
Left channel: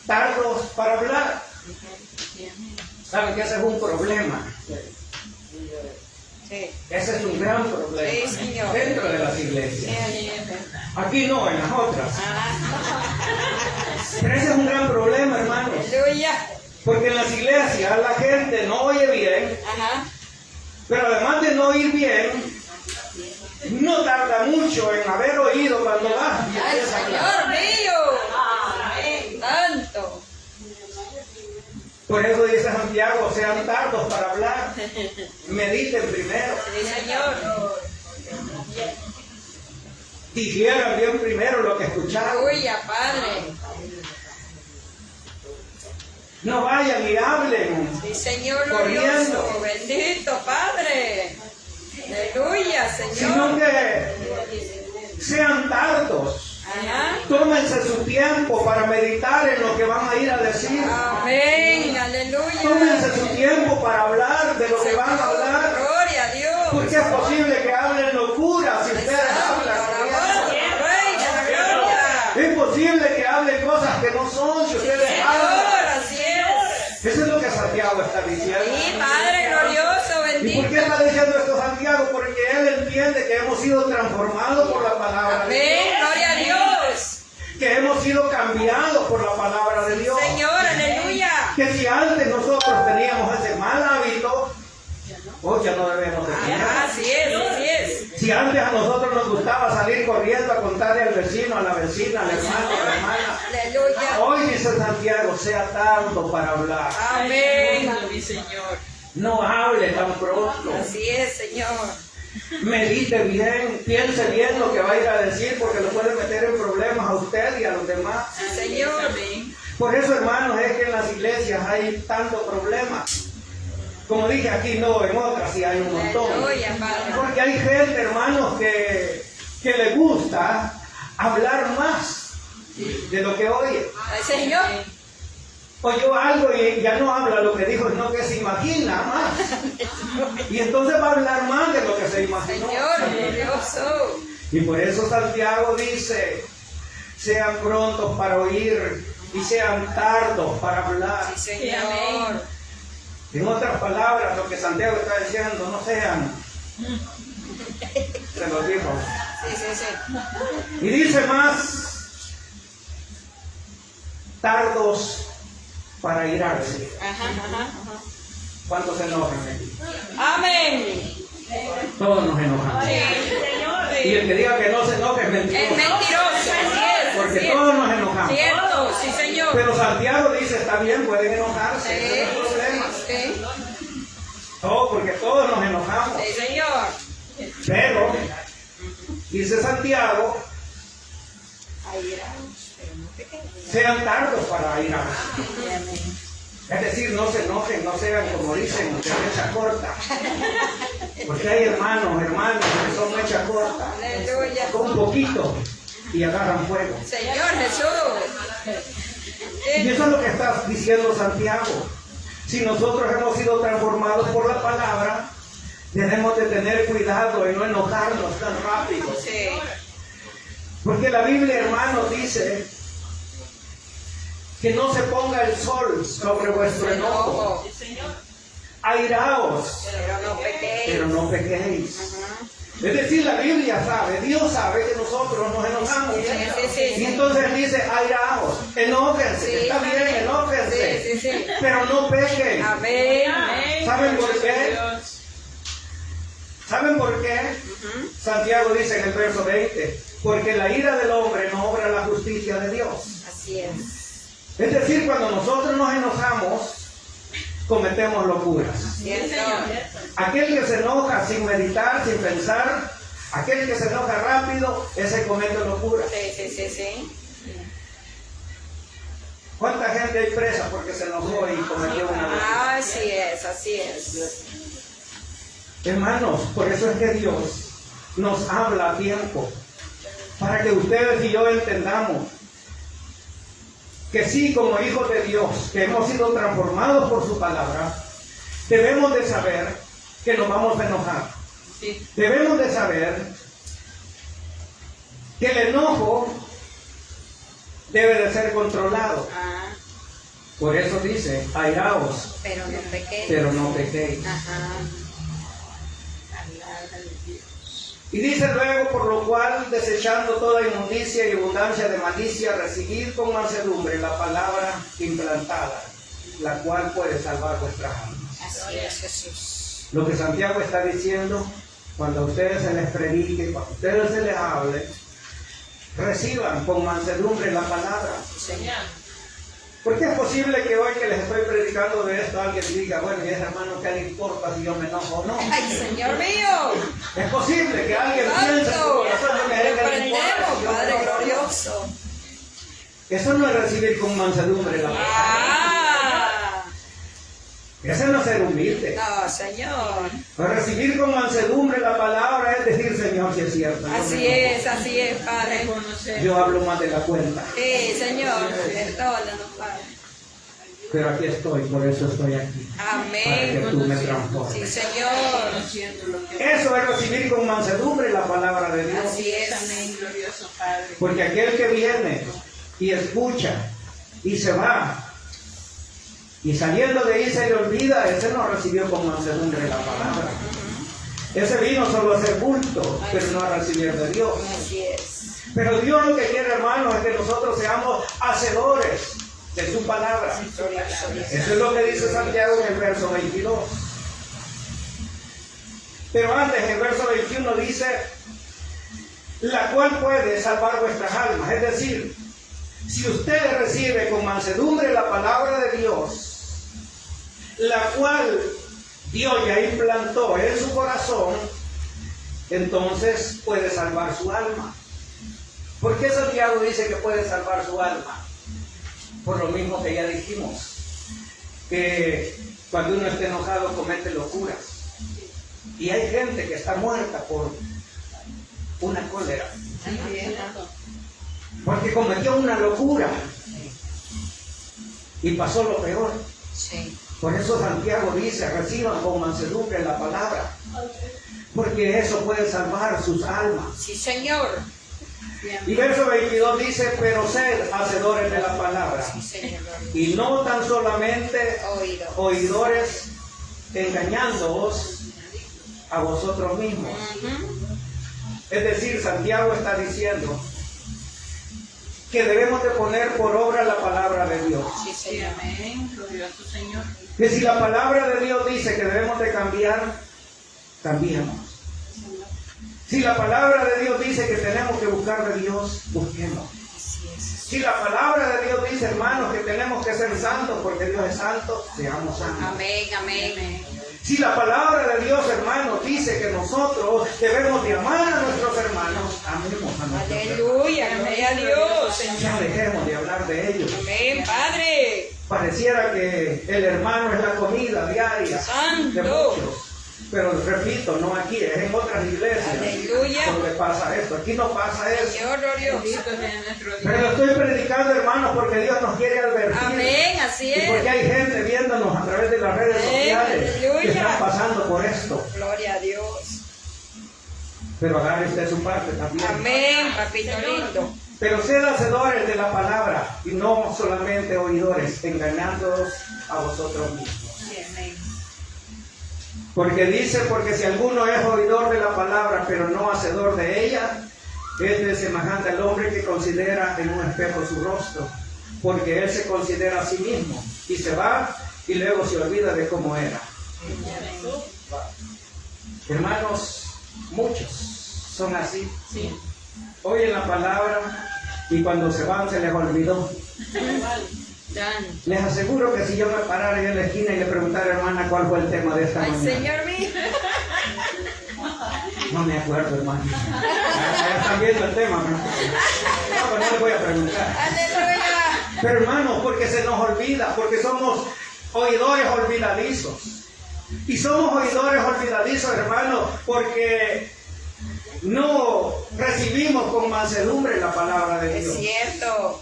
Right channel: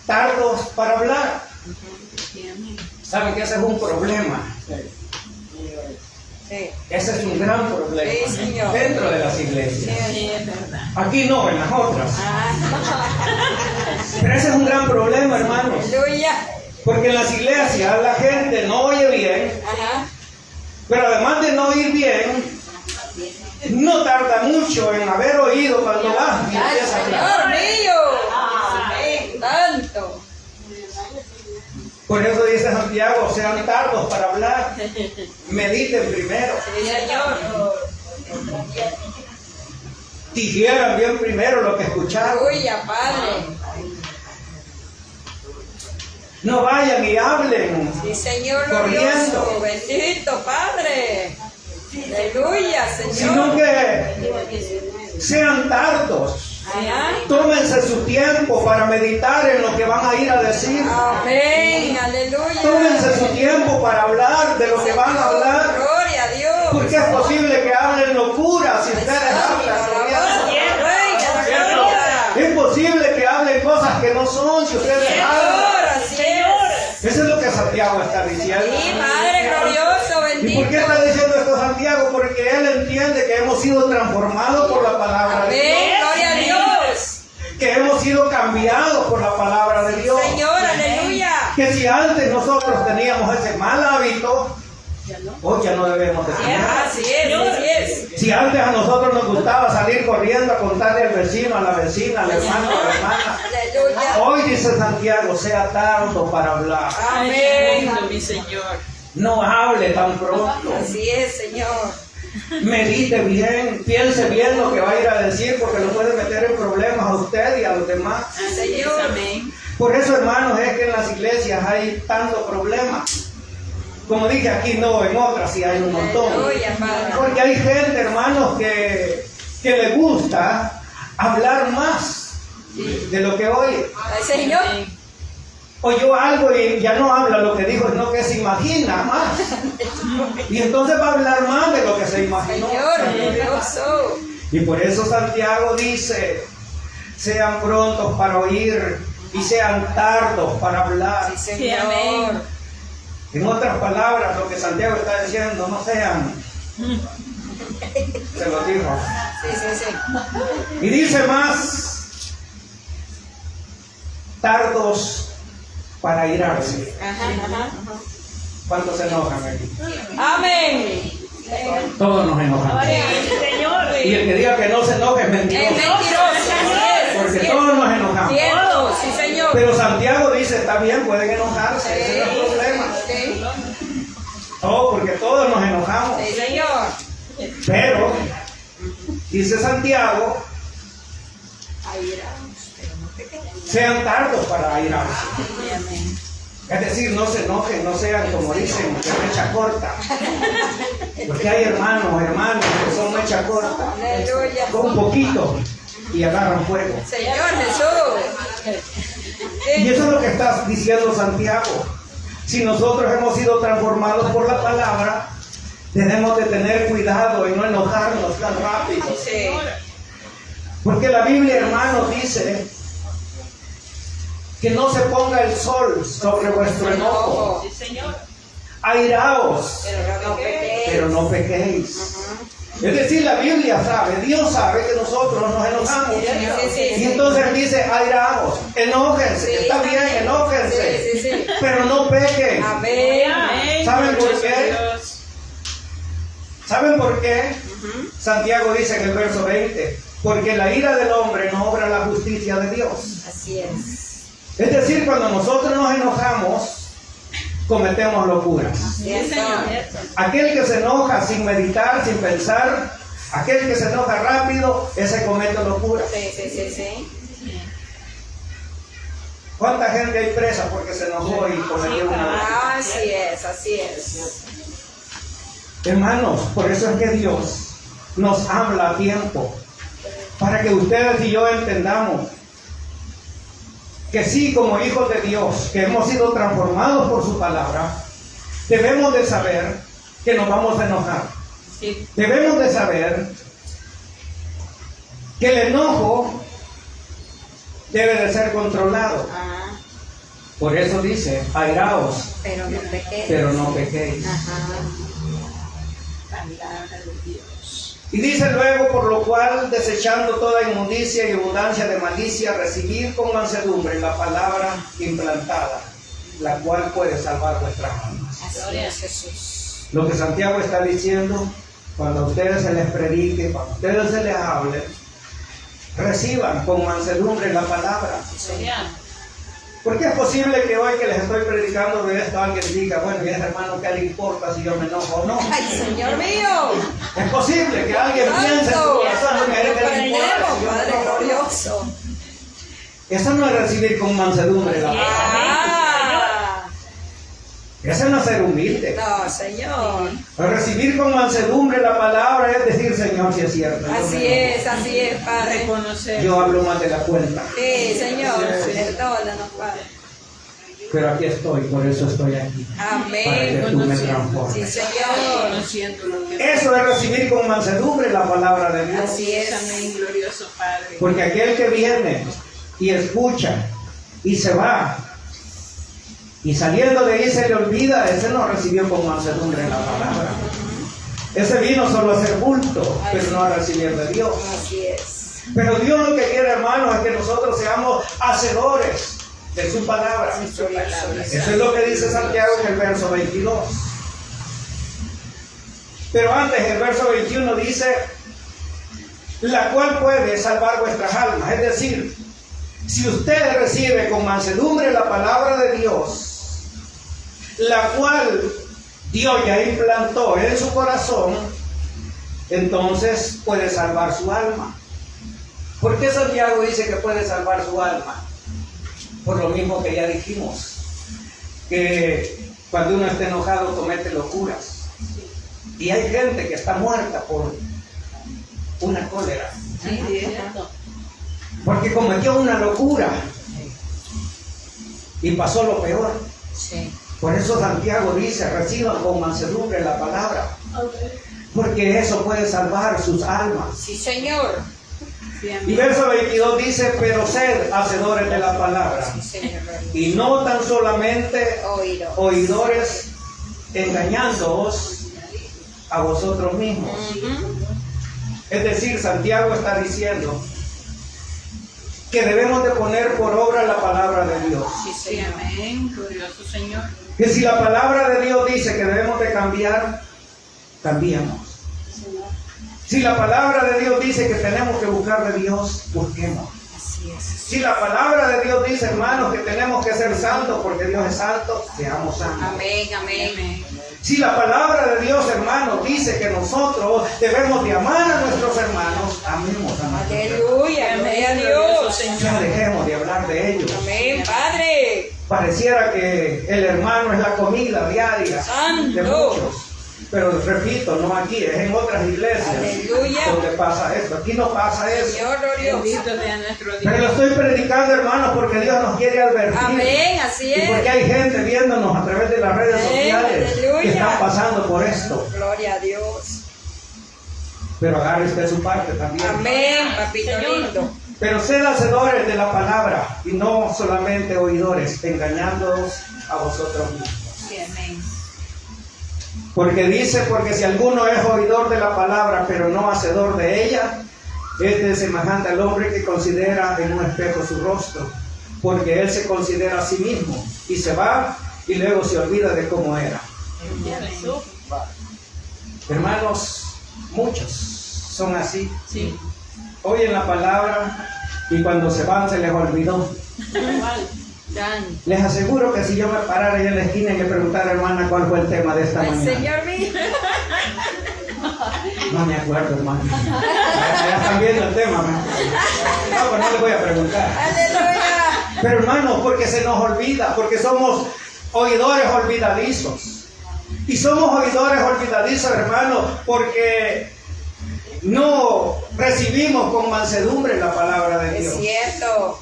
tardos para hablar. ¿Saben que ese es un problema? Ese es un gran problema dentro de las iglesias. Aquí no, en las otras. Pero ese es un gran problema, hermanos. Porque en las iglesias la gente no oye bien, pero además de no oír bien, no tarda mucho en haber oído cuando va. Señor mío. Tanto. Por eso dice Santiago, sean tardos para hablar, mediten primero, Sí, Señor. digieran bien primero lo que escucharon. Aleluya, Padre. No vayan y hablen Sí, Señor corriendo, glorioso. Bendito, Padre. Aleluya, sino Señor. que sean tardos. Tómense su tiempo para meditar en lo que van a ir a decir. Amén, aleluya. Tómense su tiempo para hablar de lo que van a hablar. Gloria a Dios. Porque es posible que hablen locuras si ustedes hablan corriendo. Es posible que hablen cosas que no son si ustedes hablan. Así es. Eso es lo que Santiago está diciendo. Sí, Padre glorioso, ¿Y por bendito. qué está diciendo esto Santiago? Porque él entiende que hemos sido transformados por la palabra de Dios. Amén, gloria a Dios. Que hemos sido cambiados por la palabra de Dios. Señor, aleluya. Que si antes nosotros teníamos ese mal hábito, hoy ya no debemos de tener. Así es, así es. Si antes a nosotros nos gustaba salir corriendo a contarle al vecino, a la vecina, al hermano, a la hermana, Aleluya. hoy dice Santiago, sea tardo para hablar. Amén. Mi Señor. No hable tan pronto. Así es, Señor. Medite bien, piense bien lo que va a ir a decir, porque no puede meter en problemas a usted y a los demás. Señor. Amén. Por eso, hermanos, es que en las iglesias hay tanto problema. Como dije, aquí no, en otras sí hay un montón. Aleluya, Padre. Porque hay gente, hermanos, que le gusta hablar más de lo que oye. Señor. Oyó algo y ya no habla lo que dijo, sino que se imagina más. Y entonces va a hablar más de lo que se imaginó. Señor, glorioso. Y por eso Santiago dice, sean prontos para oír y sean tardos para hablar. Sí, Señor. En otras palabras, lo que Santiago está diciendo, no sean. Se lo dijo. Sí. Y dice más, tardos para irarse. Ajá. ¿Cuántos se enojan aquí? Amén. Todos nos enojamos. Señor. Y el que diga que no se enoje es Es mentiroso. mentiroso, así es. Porque así es. todos nos enojamos. Cierto, sí, Señor. Pero Santiago dice, está bien, pueden enojarse, ese no es el problema. Sí, Oh, porque todos nos enojamos. sí, Señor. Pero, dice Santiago, sean tardos para irarse. Es decir, no se enojen, no sean como dicen, de mecha corta. Porque hay hermanos que son mecha corta, Aleluya. con un poquito y agarran fuego. Señor Jesús. Y eso es lo que está diciendo Santiago. Si nosotros hemos sido transformados por la palabra, tenemos que tener cuidado en no enojarnos tan rápido. Sí. Porque la Biblia, hermanos, dice que no se ponga el sol sobre vuestro enojo. Airaos, pero no pequéis. Es decir, la Biblia sabe, Dios sabe que nosotros nos enojamos. Y entonces dice, airaos, enójense, está bien, enójense, pero no pequen. Amén. ¿Saben por qué? ¿Saben por qué? Santiago dice en el verso 20, porque la ira del hombre no obra la justicia de Dios. Así es. Es decir, cuando nosotros nos enojamos, cometemos locuras. Así es, Señor. Aquel que se enoja sin meditar, sin pensar, aquel que se enoja rápido, ese comete locura. Sí. ¿Cuánta gente hay presa porque se enojó y cometió una locura? Así es. Hermanos, por eso es que Dios nos habla a tiempo, para que ustedes y yo entendamos que sí, como hijos de Dios, que hemos sido transformados por su palabra, debemos de saber que nos vamos a enojar. Sí. Debemos de saber que el enojo debe de ser controlado. Por eso dice, airaos, Pero no pequé. pero no pequéis. Palabra de Dios. Y dice luego, por lo cual, desechando toda inmundicia y abundancia de malicia, recibir con mansedumbre la palabra implantada, la cual puede salvar vuestras almas. Así es, Jesús. Lo que Santiago está diciendo, cuando a ustedes se les predique, cuando a ustedes se les hable, reciban con mansedumbre la palabra. Señor. Porque es posible que hoy que les estoy predicando de esto, alguien diga, bueno, y ese hermano, ¿qué le importa si yo me enojo o no? ¡Ay, Señor mío! Es posible que alguien piense en su corazón que a él le importa si yo me Padre enojo o no. glorioso. Eso no es recibir con mansedumbre la palabra. Eso no es ser humilde. No, Señor. Recibir con mansedumbre la palabra es decir, Señor, si es cierto. yo me Así enojo. es, Padre. Reconocer. Yo hablo más de la cuenta. Sí, Señor. Perdónanos, Padre. Pero aquí estoy, por eso estoy aquí. Para que Amén. tú me Sí, transformes. Señor. Conociendo lo que Eso es recibir con mansedumbre la palabra de Dios. Así es. Amén, glorioso Padre. Porque aquel que viene y escucha y se va y saliendo de ahí se le olvida, ese no recibió con mansedumbre la palabra. Ese vino solo a hacer culto, pero no a recibir de Dios. Así es. Pero Dios lo que quiere, hermanos, es que nosotros seamos hacedores de su palabra. Su palabra. Eso es lo que dice Santiago en el verso 22. Pero antes, el verso 21 dice, la cual puede salvar vuestras almas. Es decir, si usted recibe con mansedumbre la palabra de Dios, la cual Dios ya implantó en su corazón, entonces puede salvar su alma. ¿Por qué Santiago dice que puede salvar su alma? Por lo mismo que ya dijimos, que cuando uno está enojado comete locuras. Y hay gente que está muerta por una cólera, porque cometió una locura y pasó lo peor. Sí. Por eso Santiago dice, reciban con mansedumbre la palabra, porque eso puede salvar sus almas. Sí, Señor. Y verso 22 dice, pero sed hacedores de la palabra, Sí, Señor. y no tan solamente Oído. oidores, engañándoos a vosotros mismos. Es decir, Santiago está diciendo que debemos de poner por obra la palabra de Dios. Sí, Sí, Señor. amén, glorioso Señor. Que si la palabra de Dios dice que debemos de cambiar, cambiamos. Si la palabra de Dios dice que tenemos que buscar de Dios, busquemos. Así es. Si la palabra de Dios dice, hermanos, que tenemos que ser santos porque Dios es santo, seamos santos. Amén, amén. Si la palabra de Dios, hermanos, dice que nosotros debemos de amar a nuestros hermanos, amemos a nuestros hermanos. Aleluya, gloria a Dios. Ya dejemos de hablar de ellos. Amén, Padre. Pareciera que el hermano es la comida diaria de Santo. muchos. Pero repito, no aquí, es en otras iglesias Aleluya. donde pasa eso. Aquí no pasa eso. Señor glorioso. Bendito sea nuestro Pero Dios. lo estoy predicando, hermanos, porque Dios nos quiere advertir. Amén, así Y porque es. hay gente viéndonos a través de las redes Amén, sociales que aleluya. están pasando por esto. Gloria a Dios. Pero agarre usted su parte también. Amén, papito lindo. Pero sed hacedores de la palabra y no solamente oidores, engañándoos a vosotros mismos. Sí, amén. Porque dice, porque si alguno es oidor de la palabra, pero no hacedor de ella, este es semejante al hombre que considera en un espejo su rostro, porque él se considera a sí mismo, y se va, y luego se olvida de cómo era. Hermanos, muchos son así. Sí. Oyen la palabra, y cuando se van se les olvidó. Dan. Les aseguro que si yo me parara ahí en la esquina y le preguntara, hermana, ¿cuál fue el tema de esta El mañana? Señor dijo. No me acuerdo, hermano. Ya están viendo el tema, ¿no? No, pues no le voy a preguntar. Aleluya. Pero hermanos, porque se nos olvida, porque somos oidores olvidadizos. Y somos oidores olvidadizos, hermanos, porque no recibimos con mansedumbre la palabra de Es Dios. cierto.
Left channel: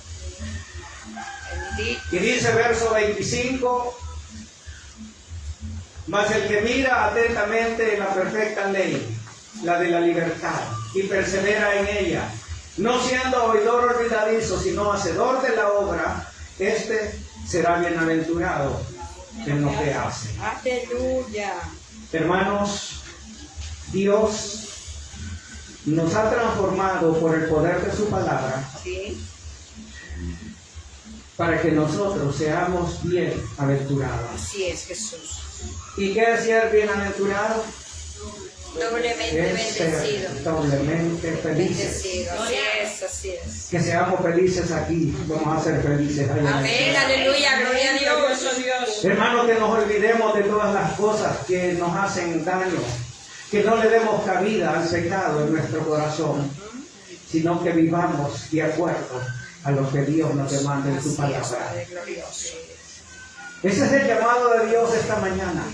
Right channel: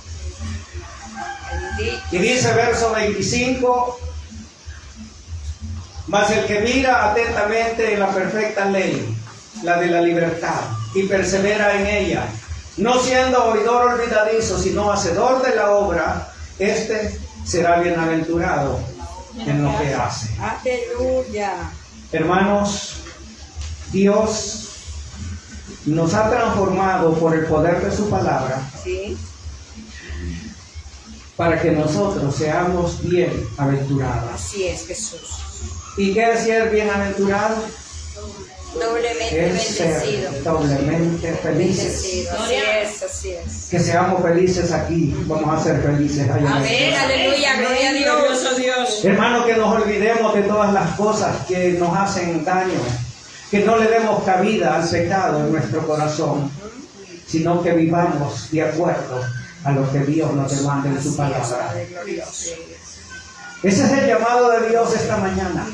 Bendito. Y dice verso 25, mas el que mira atentamente en la perfecta ley, la de la libertad, y persevera en ella, no siendo oidor olvidadizo, sino hacedor de la obra, este será bienaventurado en lo que hace. Aleluya. Hermanos, Dios nos ha transformado por el poder de su palabra Sí. para que nosotros seamos bienaventurados. Así es, Jesús. ¿Y qué es ser bienaventurado? Doblemente Es ser bendecido. doblemente felices. Bendecido. Así es, así es. Que seamos felices aquí, vamos a ser felices allá. Amén, aleluya, gloria a Dios. Glorioso Dios. Hermanos, que nos olvidemos de todas las cosas que nos hacen daño, que no le demos cabida al pecado en nuestro corazón, sino que vivamos de acuerdo a lo que Dios nos demanda en su palabra. Padre glorioso. Ese es el llamado de Dios esta mañana,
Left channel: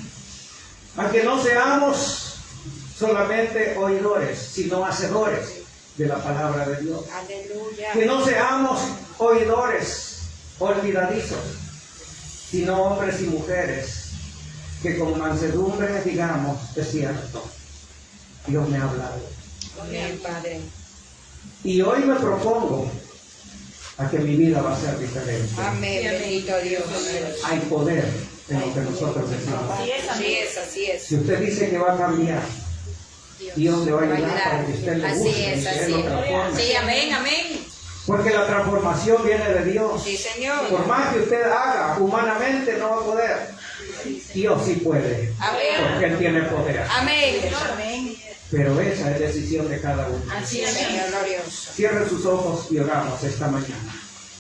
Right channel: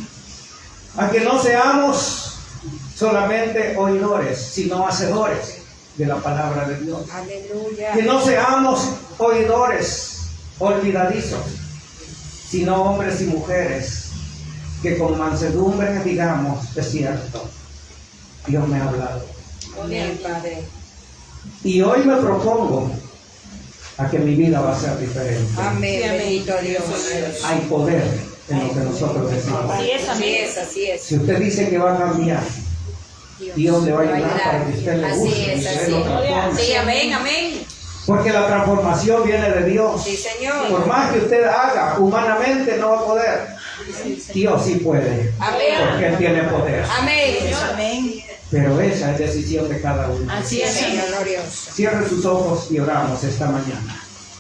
a que no seamos solamente oidores, sino hacedores de la palabra de Dios. Aleluya. Que no seamos oidores olvidadizos, sino hombres y mujeres que con mansedumbre digamos, es cierto, Dios me ha hablado. Amén, Padre. Y hoy me propongo a que mi vida va a ser diferente. Amén, bendito Dios. Hay poder en lo que nosotros decimos. Así es, Así amén. es, así es. Si usted dice que va a cambiar, Dios le va a ayudar para que usted le Así guste y es, usted así lo es. transforme. Sí, amén, amén. Porque la transformación viene de Dios. Sí, Señor. Por más que usted haga, humanamente no va a poder. Dios sí puede, Amén. porque Él tiene poder. Amén. Amén. Pero esa es decisión de cada uno. Así es, Señor Señor. glorioso. Cierre sus ojos y oramos esta mañana.